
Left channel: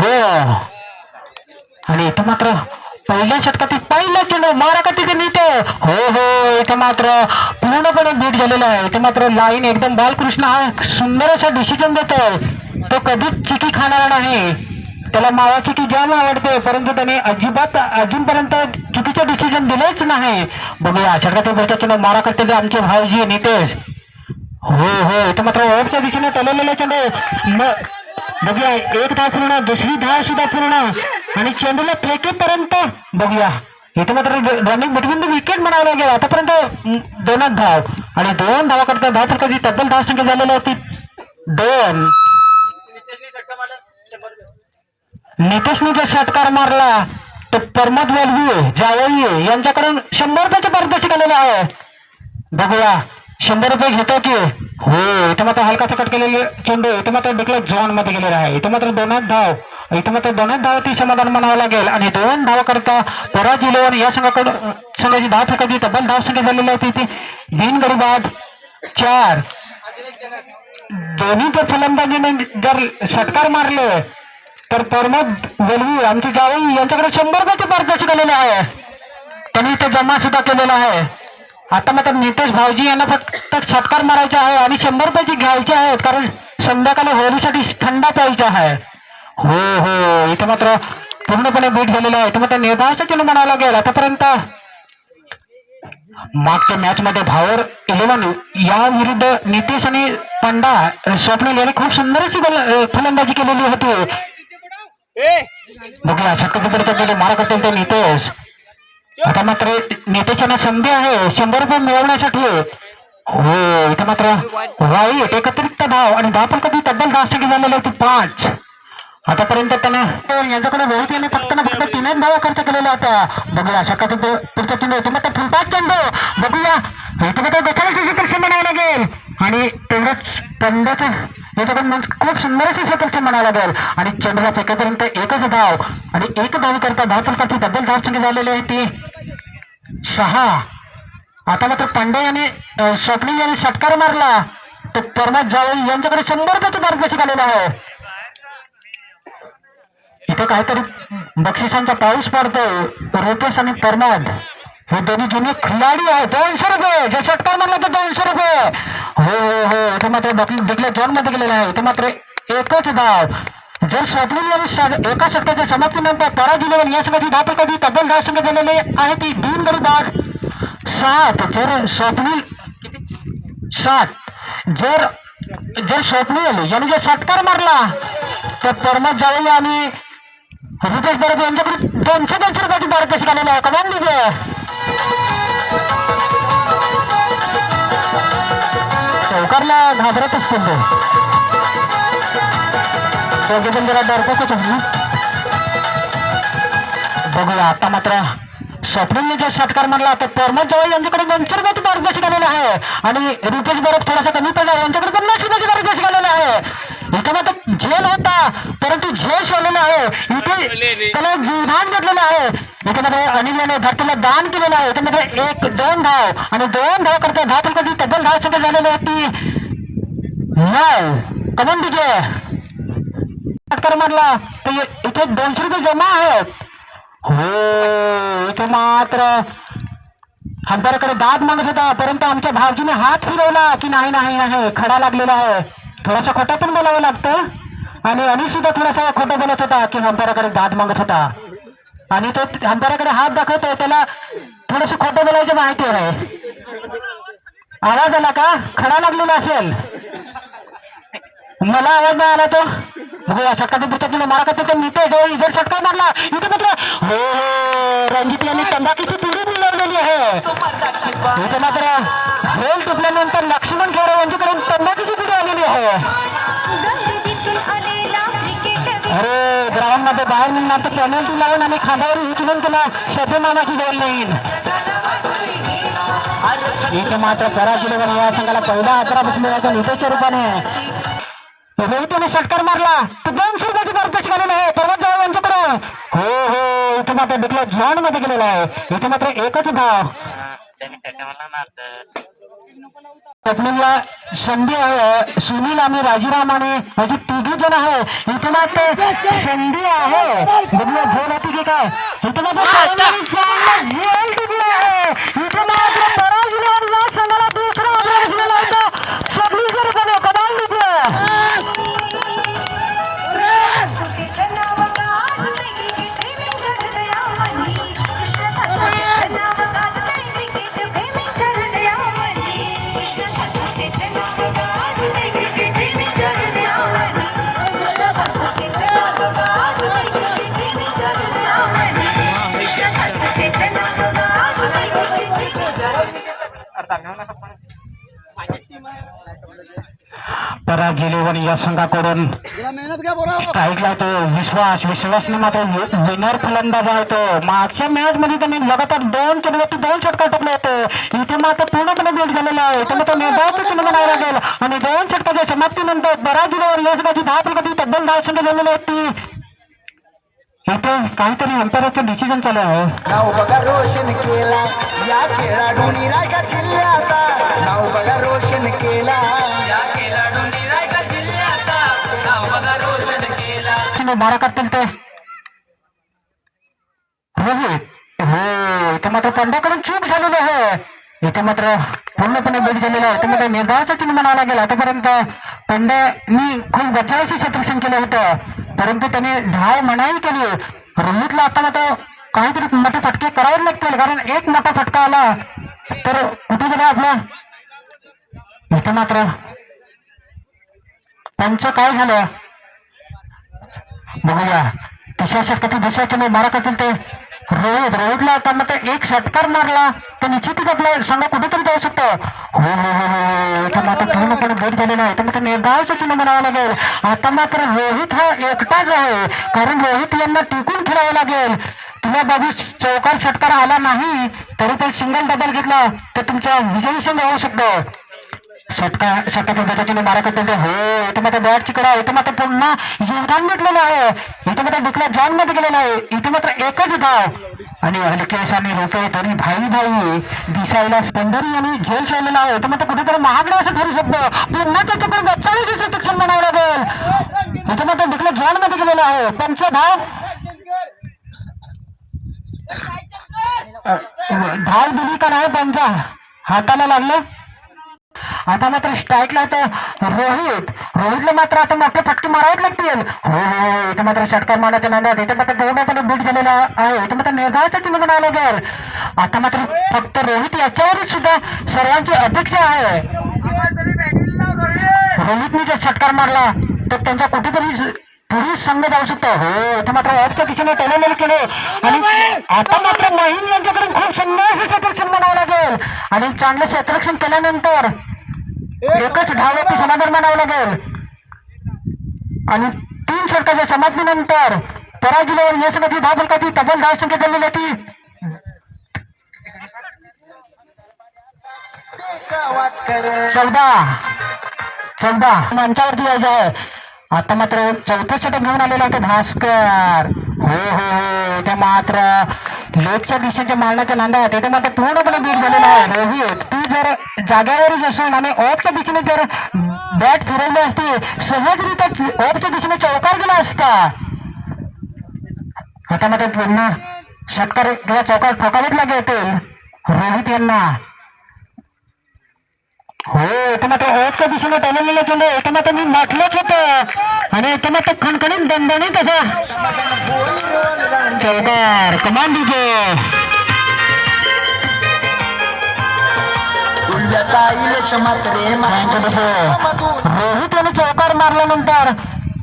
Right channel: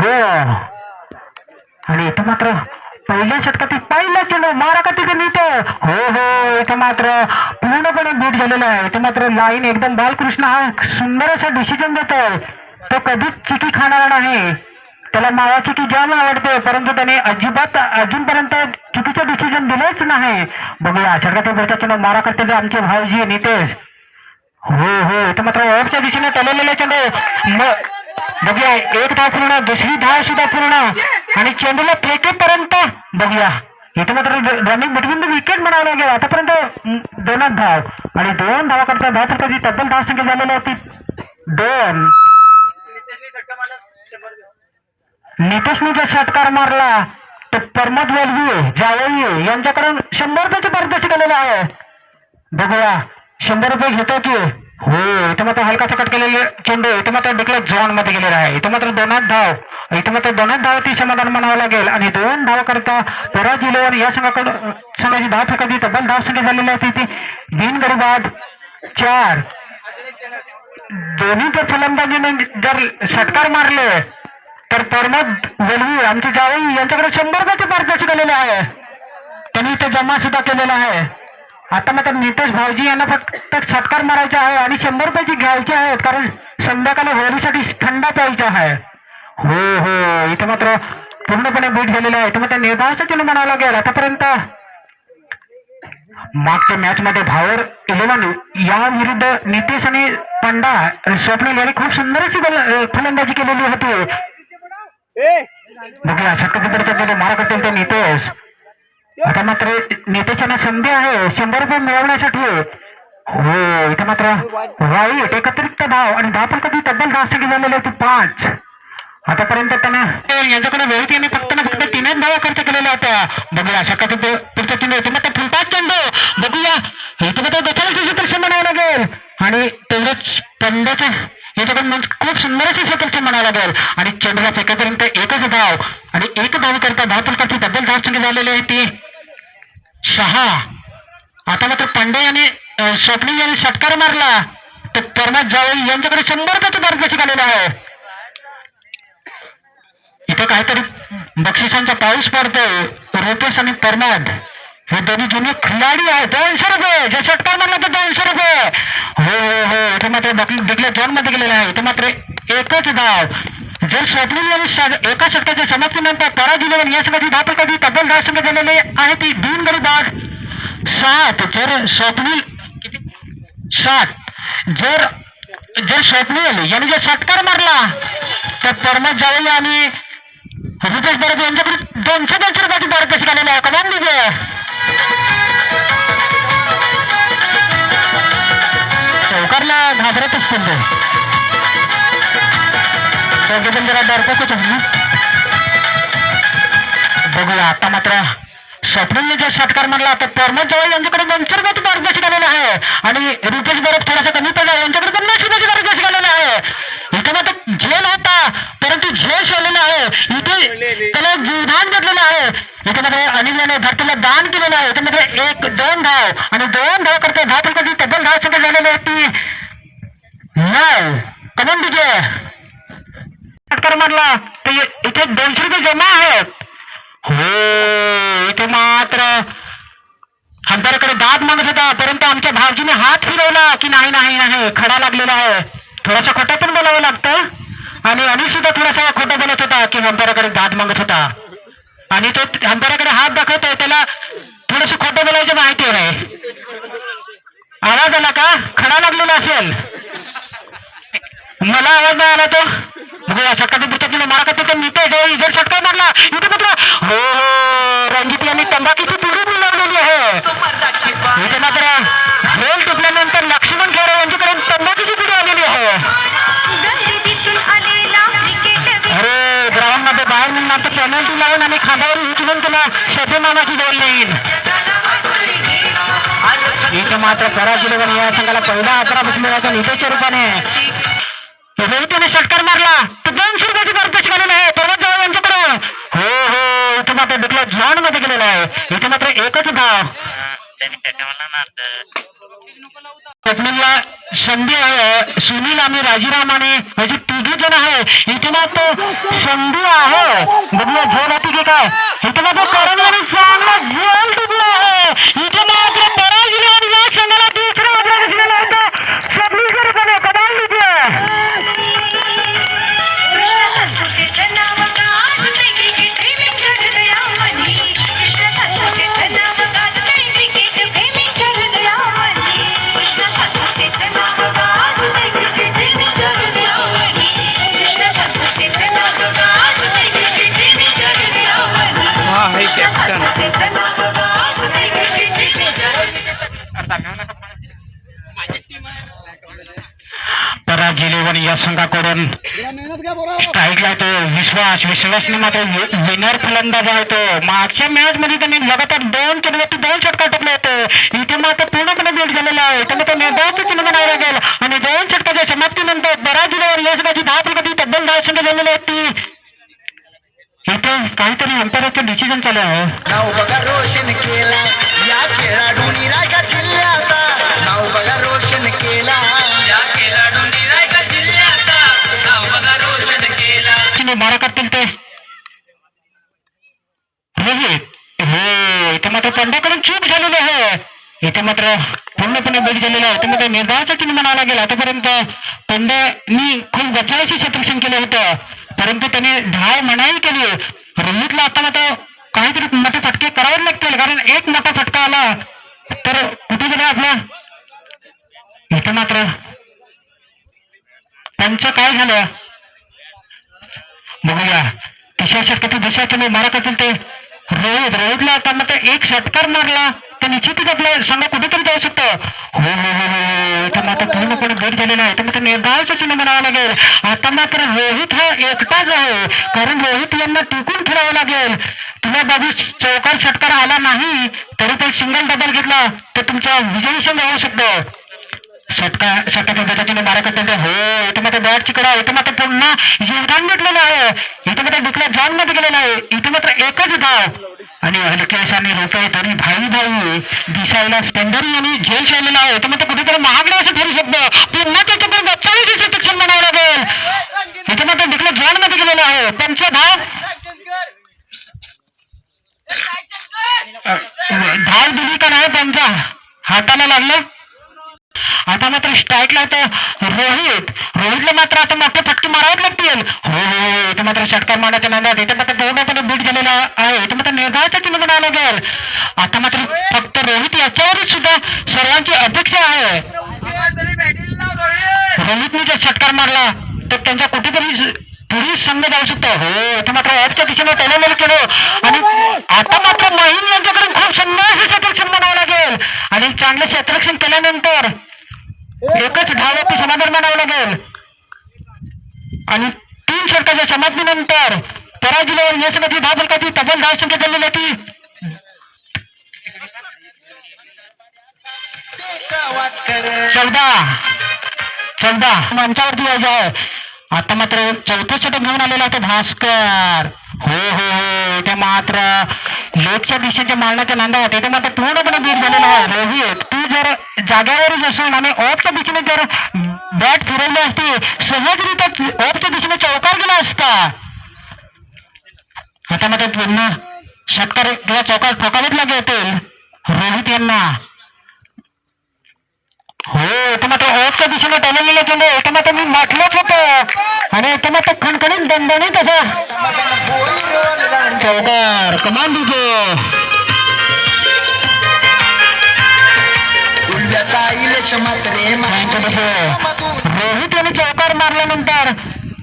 गो आणि इथं मात्र पहिल्या षटकातील पहिला चेंडू मारा का तिथे नीट हो इथं मात्र पूर्णपणे बीट झालेला आहे. इथं मात्र लाईन एकदम बालकृष्ण हा सुंदर असा डिसिजन देतोय. तो कधीच चिकी खाणारा नाही. त्याला मावा चिकी जाम आवडते परंतु त्याने अजिबात अजूनपर्यंत चुकीचं डिसिजन दिलेच नाही. बघूया षटकातील पहिला चेंडू मारा करते आमचे भाऊजी नितेश हो इथं मात्र ओव्हरच्या दिशेने टललेले चेंडू बघूया एक धाव पूर्ण दुसरी धाव सुद्धा पूर्ण आणि चेंडूला फेकेपर्यंत बघूया इथं मात्र रनिंग बिटवीन द विकेट म्हणावं लागेल. आतापर्यंत 2च धाव आणि 2 धावा करता धाव तर कधी तब्बल धाव संख्या झालेली होती 2. नितेशने जो षटकार मारला तो प्रमोद वेलवी जावई यांच्याकडून 100 रुपयाचे पारितोषिक आलेले आहे. बघूया 100 रुपये घेतो की हो इथं मात्र हलकाचा कट केलेले चेंडू इथं मात्र डिक्लेअर झोन मध्ये गेलेला आहे. इथं मात्र 2च धाव इथं मात्र 2च धाव ती समाधान म्हणावं लागेल आणि 2 धावा करता पराज इलेव्हन या संघाची धाव फेकायची तब्बल धाव संख्या झालेली आहे ती 3 गडी बाद 4. दोन्ही जर फलंदाजीने जर षटकार मारले तर प्रमोद वेलवी आमचे जावई यांच्याकडे 100 रुपयाचे पारितोषिक आलेले आहे. त्यांनी इथे जमा सुद्धा केलेला आहे. आता मात्र नितेश भाऊजी यांना फक्त षटकार मारायचे आहे आणि 100 रुपयाची घ्यायची आहेत कारण संध्याकाळी होळीसाठी थंडा प्यायचा आहे. हो इथे मात्र पूर्णपणे बीट झालेला आहे. इथे मात्र निर्धावाचा चिन्ह म्हणावं लागेल. आतापर्यंत मागच्या मॅच मध्ये भावर 11 या विरुद्ध नितेश आणि पंडा स्वप्नील यांनी खूप सुंदर अशी फलंदाजी केलेली होती. बघूया षटकार मारा करतील ते नितेश. आता मात्र नितेशांना संधी आहे 100 रुपये मिळवण्यासाठी हो इथे मात्र वाईट एकत्रित धाव आणि धाव पण कधी तब्बल धाव संख्या झालेली होती 5. आतापर्यंत त्याने यांच्याकडे रोहित यांनी फक्त 3च धावा खर्च केलेला होता. बघूया षटकातील पुढचा चेंडू इथे मात्र फुलपास चेंडू बघूया इथे मात्र दुसऱ्या म्हणावं लागेल आणि तेवढंच पंड्याचं याच्याकडून खूप सुंदर असे क्षेत्रक्षण म्हणावं लागेल आणि चेंडूला फेकेपर्यंत 1च धाव आणि 1 धाव करता धाव फलकाची तब्बल धाव संख्या झालेली आहे ती 6. आता मात्र पांडे यांनी स्वप्नील यांनी षटकार मारला तर प्रमोद जावई यांच्याकडे 100 रुपयाचे पारितोषिक आलेलं आहे. इथे काहीतरी बक्षिसांचा पाऊस पडतोय. रुपेश आणि प्रमोद हे दोन्ही जुने खिलाडी आहेत. 200 रुपये जे षटकार मारला तर 200 रुपये हो इथे मात्र डिक्लेअर झोन मध्ये गेलेला आहे. इथे मात्र 1च धाव जर स्वप्नील यांनी एका षटकाच्या समाप्तीनंतर पराज इलेव्हन या संघाची धाव कधी तब्बल धाव संख्या झालेली आहे ती 3 गडी बाद 7. जर स्वप्नील 7 जर स्वप्नील यांनी जर षटकार मारला तर प्रमोद जावई आणि रुपेश बरोबर यांच्याकडे 200 रुपयाची पारितोषिक आलेली आहे. कमान दिजे चौकारला घाबरत असतील ते पण जरा डरपोकच आहे ना. बघूया आता मात्र स्वप्नीलने जर षटकार मारला तर प्रमोद जावई यांच्याकडे 200 रुपयाची पारितोषिक आलेलं आहे आणि रुपेश बरोबर थोडासा कमी पडला यांच्याकडे 50 रुपयाची पारितोषिक आलेलं आहे. इथे मात्र झेल होता परंतु झेल सोडलेला आहे. इथे त्याला जीवदान घेतलेलं आहे. इथे मध्ये अनिल याने धरतीला दान केलेलं आहे. इथे मध्ये 1-2 धाव आणि 2 धाव करता धाव फलकाची तब्बल धाव संख्या झालेली आहे ती 9. कमन दिजे षटकार मारला तर इथे 200 रुपये जमा आहेत हो. इथे मात्र अंधाराकडे दाद मागत होता परंतु आमच्या भावजीने हात फिरवला की नाही खडा लागलेला आहे. थोडासा खोटा पण बोलावं लागतं आणि अनिल सुद्धा थोडासा खोटा बोलत होता की अंधाराकडे दाद मागत होता आणि तो अंधाराकडे हात दाखवतोय त्याला थोडस खोटं बोलायचं माहिती आहे. आवाज आला का खडा लागलेला असेल मला आवाज नाही आला तो बघूया षटकातील पुढच्या चेंडू मारा करते नितेश जर षटकार मारला इथे मात्र हो रणजित यांनी तंबाखीची पिढी मिळवलेली आहे. इथे मात्र झेल टिपल्यानंतर लक्ष्मण खेळ यांच्याकडून तंबाखीची पिढी आलेली आहे. अरे ग्राउंड मध्ये बाहेर निघणार तर पेनल्टी लावून आणि खांद्यावर उचलून तुला शब्द मामाची गोल येईल. इथे मात्र पराज इलेव्हन या संघाला पहिला 11 बसलेला होता नितेशच्या रूपाने. रोहितने षटकार मारला तर 200 रुपयाची पारितोषिक आलेलं आहे प्रमोद जावई यांच्याकडे हो इथे मात्र डिक्लेअर झोन मध्ये गेलेला आहे. इथे मात्र 1च धाव स्वप्नीलला संधी आहे, सुनील आणि राजीराम आणि याची तिघी जण आहे. इथे मात्र संधी आहे, बघूया झोल होती की काय. इथे मात्र करणारी झोल टिकला आहे. इथे मात्र पराजय आणि या संघाला दुसरा आग्रह बसलेला होता. स्वप्नील जर कमाल पराजिलेवन या संघाकडून मेहनत घ्या बरोबर. स्ट्राईकला तो विश्वासने मात्र विनर फलंदाज आहे. तो मागच्या मॅच मध्ये त्यांनी लगातार 2 चेंडूवरती 2 षटकार टाकले होते. इथे मात्र पूर्णपणे बीट झालेला आहे. त्यामुळे तो निर्धावाचं चिन्ह म्हणावं लागेल. आणि 2 षटकाच्या समाप्तीनंतर पराजिलेवर या संघाची 10 फलकाची तब्बल 10 संघ झालेली होती. इथे काहीतरी अंतराचं डिसिजन चालू आहे. नाव बघा रोशन केला या खेळाडूंनी रायगड जिल्ह्याचा. नाव बघा रोशन केला या खेळाडूंनी रायगड जिल्ह्याचा. नाव बघा रोशन केला. मारा करतील ते हे इथे मात्र पंड्याकडून चूक झालेली आहे. इथे मात्र पूर्णपणे बीट झालेलं आहे. इथे मात्र निर्धावाचं चिन्ह म्हणावं लागेल. आतापर्यंत पंड्यानी खूप गचाळाशी क्षेत्ररक्षण केलं होतं, परंतु त्याने धाव मनाई केली. रोहितला आता मात्र काहीतरी मोठे फटके करावे लागतील, कारण एक मोठा फटका आला तर कुठे गेला आपला. इथे मात्र त्यांचं काय झालं बघूया. तिसऱ्या षटकातील दुसऱ्या चेंडू मारा करतील ते रोहितला आता मात्र एक षटकार मारला तर निश्चितच आपला संघ कुठेतरी जाऊ शकतो. हो हो हो हो इथे मात्र पूर्णपणे भेट झालेला आहे. तर निर्धावाचं चिन्ह म्हणावं लागेल. आता मात्र रोहित हा एकटाच आहे, कारण रोहित यांना टिकून खेळावं लागेल. तुला बाजू चौकार षटकार आला नाही तरी तो सिंगल डबल घेतला तर तुमचा विजयी संघ होऊ शकतो. षटकाच्या पद्धतीने मारा करते. हो इथे मात्र बॅट चिकडा. इथे मात्र पुन्हा योगदान भेटलेलं आहे. इथे मात्र डिक्ला जॉन मध्ये गेलेला आहे. इथे मात्र एकच धाव आणि हलकेश आणि रुपये तरी भाई दिसायला स्पेंडरी आणि झेल शाळलेला आहे. इथे मात्र कुठेतरी महागडा असं ठरू शकतो. पुन्हा त्याच्याकडून गच्चाळीचं सक्षम म्हणावं लागेल. इथे मात्र डिक्ला जॉन मध्ये गेलेला आहे. त्यांचा धाव दिली का नाही त्यांच्या हाताला लागलं. आता मात्र स्ट्राईकला होतं रोहितला मात्र आता मोठे फटके मारावेच लागतील. हो हो इथे मात्र षटकार मारण्याच्या नादात इथे मात्र पूर्णपणे बीट झालेला आहे. इथे मात्र निर्धावाचं चिन्ह म्हणावं लागेल. आता मात्र फक्त रोहित याच्यावरच सुद्धा सर्वांची अपेक्षा आहे. रोहितने जर षटकार मारला तर त्यांचा कुठेतरी पुढील संघ जाऊ शकतो. हो इथे मात्र ऑफच्या दिशेने टेलेलेले केले आणि आता मात्र माहीम यांच्याकडून खूप सुंदर क्षेत्ररक्षण म्हणावं लागेल. आणि चांगलं क्षेत्ररक्षण केल्यानंतर एकच धाववरती समाधान मानावं लागेल. आणि 3 षटकाच्या समाप्तीनंतर पराजिलेवर या संघाची 10 फलकाची तब्बल 10 संख्या झालेली होती. 14 मंचावरती यायचं आहे. आता मात्र 4थं षटक घेऊन आलेला होता भास्कर. हो हो हो इथे मात्र लेगच्या दिशेच्या मारण्याच्या नांदात इथे मात्र पूर्णपणे बीट झालेला आहे. रोहित तू जर जाग्यावरच असेल आणि ऑफच्या दिशेने जर बॅट फिरवली असती सहजरित्या ऑफच्या दिशेने चौकार गेला असता. आता मात्र पुन्हा षटकार किंवा चौकार ठोकावेच लागेल रोहित यांना. हो इथे मात्र ऑफच्या दिशेने टोललेले चेंडू इथे मात्र मी म्हटलंच होतं आणि इथे मात्र खणखणीत दणदणीत असं चौकार कमान दिसो. रोहित यांनी चौकार मारल्यानंतर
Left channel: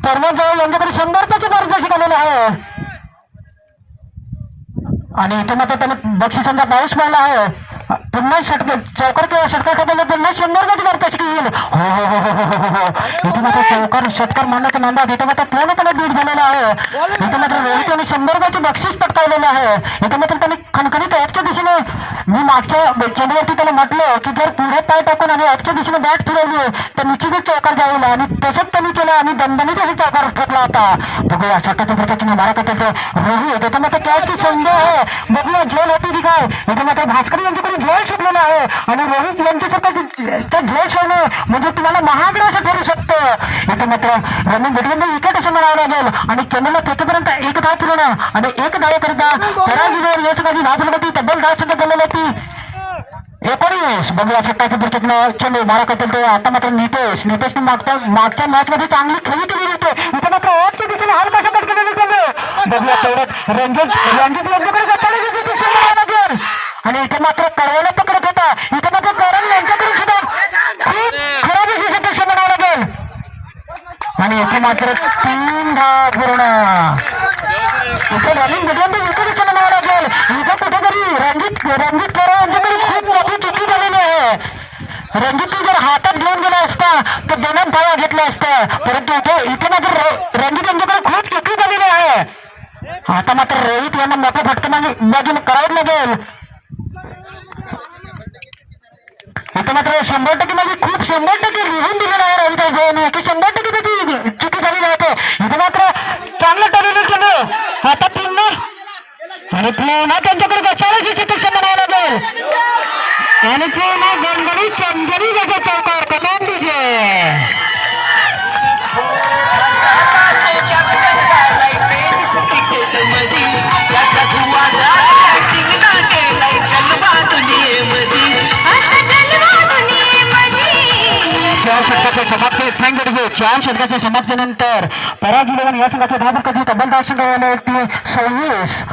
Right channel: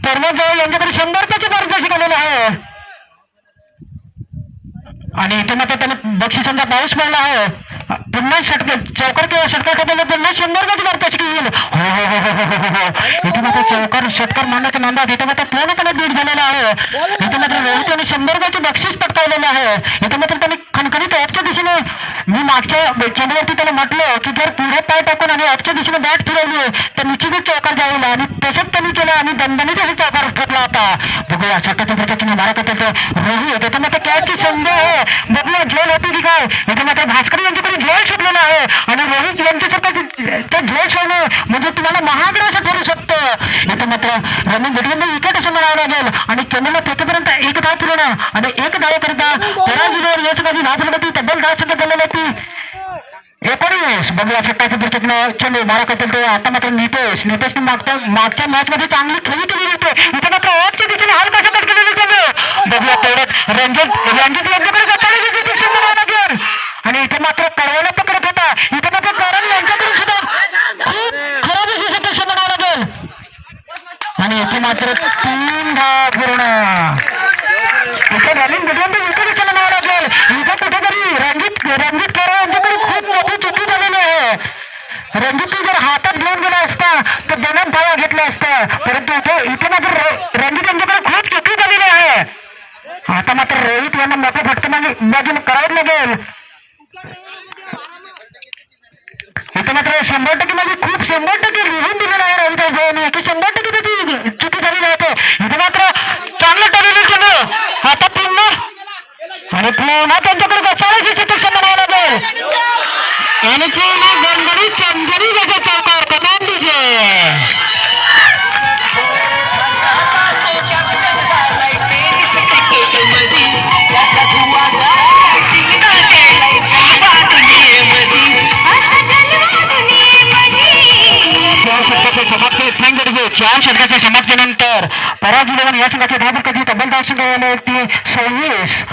परमजवळ यांच्याकडे 100 मार्गदर्शक आलेलं आहे आणि इथे मात्र त्याने बक्षिसांचा पाऊस मारला आहे. पुन्हा चौकार किंवा षटकार ठोकले पुन्हा 100 मार्गदर्शक येईल. हो हो हो हो हो हो इथे मात्र चौकार षटकार मारण्याच्या नांदात इथे मात्र पूर्णपणे बीट झालेला आहे. इथे मात्र रोहित यांनी 100 बक्षीस पटकावलेलं आहे. इथे मात्र त्यांनी खणखणीत ऑफच्या दिशेने मी मागच्या चेंडूवरती त्याला म्हटलं की जर पुढे पाय टाकून आणि ऑफच्या दिशेने बॅट फिरवली तर निश्चितच चौकार जाईल आणि तसंच त्यांनी केलं आणि दणदणीत चौकार ठोकला होता. बघूया षटकाच्या पद्धतीने मारा करतो रोहित. इथे मात्र कॅचची संधी आहे. बघूया झेल होती की काय. इथे मात्र भास्कर यांच्याकडे त्यांनी झोळ शिकलेला आहे आणि रोहित यांच्यासारखं ते झोळ सोडणं म्हणजे तुम्हाला महागडं असं ठरू शकतं. इथं मात्र रनिंग गडगंडी विकेट असं म्हणावं लागेल आणि चेन्नईला फेकेपर्यंत एक धाव पूर्ण आणि एक धाव करता पराजय याच काही धाव प्रगती तब्बल 10 संख्या झालेली होती. 19 बघूया सट्टाची दुर्घटना चेंडू मारा करतो तो आता मात्र नितेशने मागच्या मॅच मध्ये चांगली खेळी केली होते. इथे मात्र ऑफच्या दिशेने हाल कशा केलेले चेंडू बघूया तेवढ्यात रंजित यांच्याकडे लागेल आणि इथे मात्र कडवाला पकडत होता. इथे मात्र करण यांच्याकडून सुद्धा खूप खराब अशी सदस्य म्हणावं लागेल आणि इथे मात्र 3 धाव पूर्ण. इथे रनिंग गडगंडी विकेट म्हणावं लागेल. इथे कुठेतरी रणजित करण यांच्याकडे खूप मोठी चुकी झालेली आहे. रणजितने जर हातात घेऊन गेला असता तर 2 धावा घेतल्या असत्या परंतु इथे मात्र रणजित यांच्याकडे खूप चुकी झालेली आहे. आता मात्र रोहित यांना मोठा फटकेबाजी करावं लागेल. आता मात्र 100% म्हणजे खूप 100% लिहून दिलेलं आहे रोहित भाऊने की 100% त्याची चुकी झालेली आहे. इथे मात्र चांगलं टरलेली चेंडू आता पुन्हा आणि पुन्हा त्यांच्याकडे बसायची चिकित्सा म्हणावं लागेल आणि पुन्हा गणगणी चंदरी त्याच्या चौकार कमान दिजे. चार षटकाच्या समाप्तीनंतर पराजय या संघाचे धाव कधी तब्बल 10 संघ झाले होते 26.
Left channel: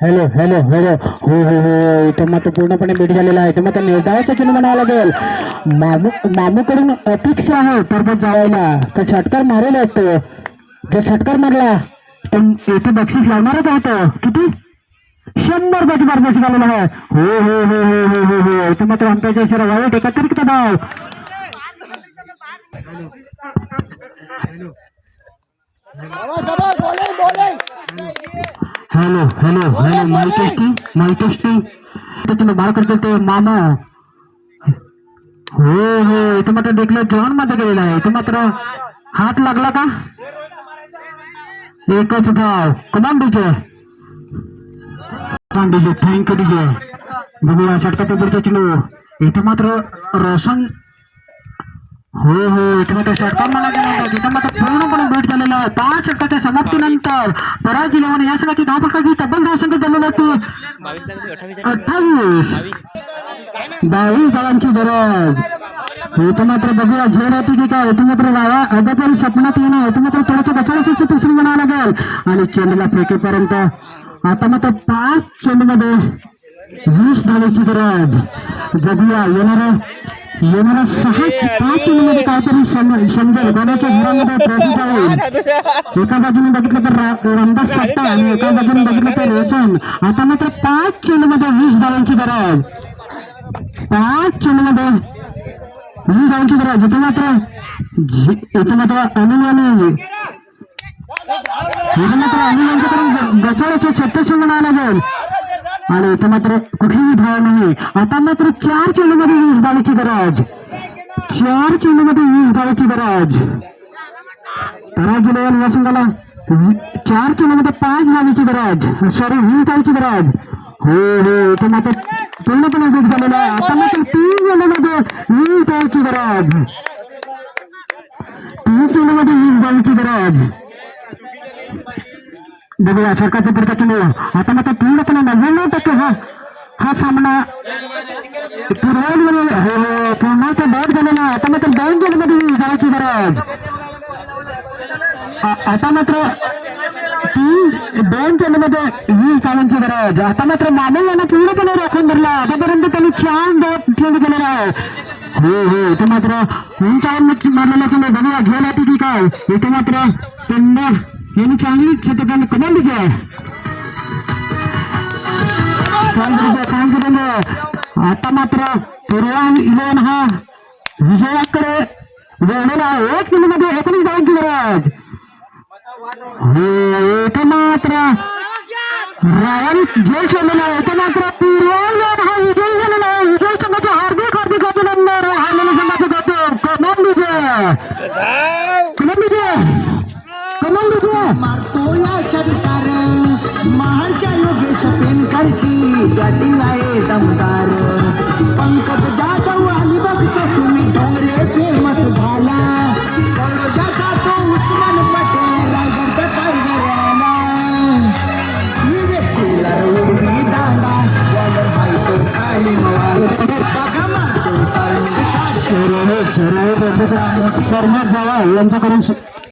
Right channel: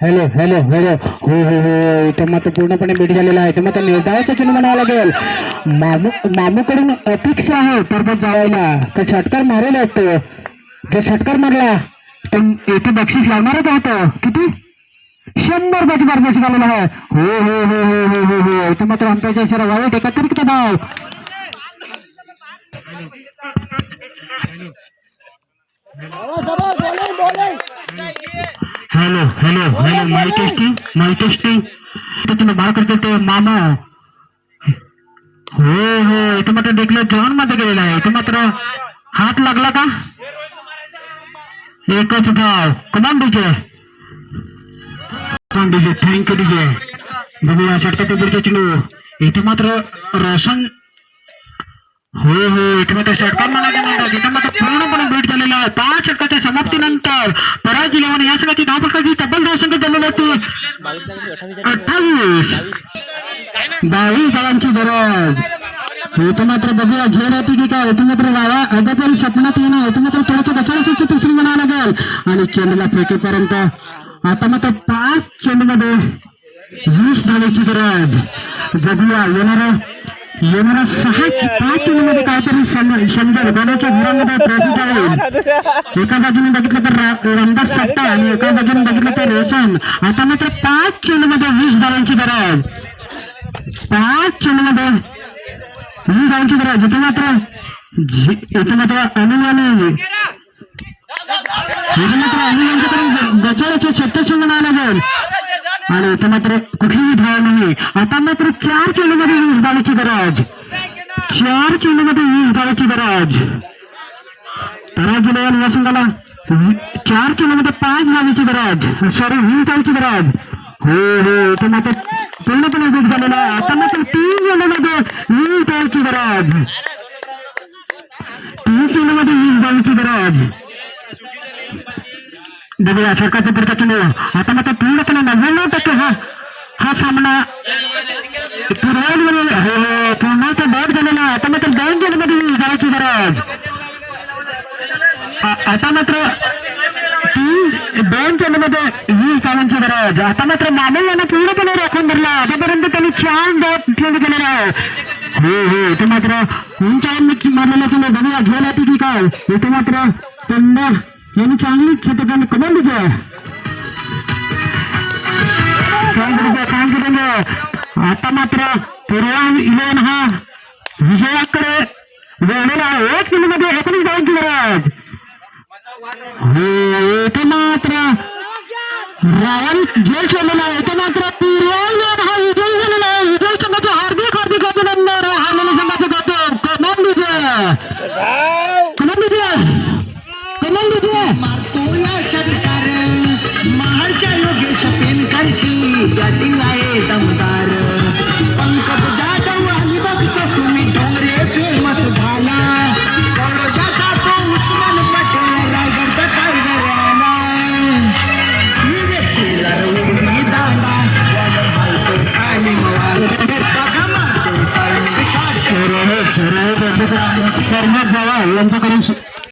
हॅलो हॅलो हॅलो हो हो हो इथं मात्र पूर्णपणे भेट झालेला आहे. मात्र निर्धावाचा चिन्ह म्हणावं लागेल. मामूकडून अपेक्षा आहे परत जावायला तर षटकार मारेल असतो. जर षटकार मारला तर इथे बक्षीस लावणारच होतं. किती 100 त्याची मार्गदर्शन झालेलं आहे. हो हो हो हो हो हो हो इथं मात्र आमच्या इशारा वाईट एकत्रित धाव. हॅलो हॅलो हॅलो माई टेस्टिंग तुम्ही बाळ करतो ते मामा. हो हो इथे मात्र देखलं जॉन मध्ये गेलेला आहे. इथे मात्र हात लागला का एकच धाव कमान डीजे थँक्यू डीजे. बघूया षटकाच्या पुढच्या चेंडू इथे मात्र रोशन हो हो इथे मात्र षटकार म्हणायचं इथे मात्र पूर्णपणे भेट झालेला आहे. 5 षटकाच्या समाप्तीनंतर पराजय लेवून या संघाची धाव फटकाची तब्बल 10 संख्या झालेली होती 22 धावांची गरज. इथे मात्र बघूया झेल होती की काय. इथे मात्र अद्यापही स्वप्नात येणं इथे मात्र थोडंसं गचाळाची दुसरी म्हणावं लागेल आणि चेंडूला फेकेपर्यंत आता मात्र 5 चेंडूमध्ये 20 धावेची गरज. बघूया येणारा 5 चेंडूमध्ये काहीतरी समजेल कोणाच्या घरामध्ये प्रॉफिट आहे. एका बाजूने बघितलं तर रमदास सट्टा आणि एका बाजूने बघितलं तर रोशन. आता मात्र 5 चेंडूमध्ये 20 धावांची गरज. 5 चेंडूमध्ये 20 धावांची गरज. इथे मात्र अनिल यांच्याकडून गचाळ्याचे 36 म्हणावं लागेल आणि इथे मात्र कुठलीही धाव नाही. आता मात्र 4 चेंडूमध्ये 20 धावांची गरज. 4 चेंडूमध्ये 20 धावांची गरज. पराजय या संघाला 4 चेंडूमध्ये 5 धावांची गरज 20 धावांची गरज. हो हो इथे मात्र पूर्णपणे भेट झालेला आहे. आता मात्र 3 चेंडूमध्ये 20 धावांची गरज. 3 चेंडूमध्ये 20 धावांची गरज. बघूया सरकारचा पुढचा चेंडू आता मात्र पूर्णपणे 99% हा सामना पूर्णाचा बॅट झालेला. आता मात्र 2 चेंडूमध्ये 20 धावांची गरज. आता मात्र 2 चेंडूमध्ये 20 धावांची गरज. आता मात्र मानव यांना पूर्णपणे राखून धरला. आतापर्यंत त्यांनी 4 बॅट खेळ केलेला आहे. हो हो इथे मात्र उंचावर मारलेला चेंडू बघूया घेऊन येते की काय. इथे मात्र पंडा यांनी चांगली षटकाने कमाल दिली. आता मात्र पूर्वा 11 हा विजयाकडे वळलेला आहे. 1 चेंडूमध्ये 19 धावांची आणि झेल सोडलेला आहे तो मात्र हा विजयी झालेला आहे. विजय संघाचे हार्दिक हार्दिक अभिनंदन. हारलेल्या संघाचं गौतम कमाल मारतो या सरकार महाडच्या योगेश पेनकरची बॅटिंग आहे दमदार. पंकज जाधव अलिबागचा सुमित डोंगरे फेमस झाला. कॉलेजाचा तो उस्मान पटेल रायगडचा टायगर आला. विवेकशीला उडी दांडा बॉलर हालतो खाली मवाल. बघा मारतो साई यांच्याकडून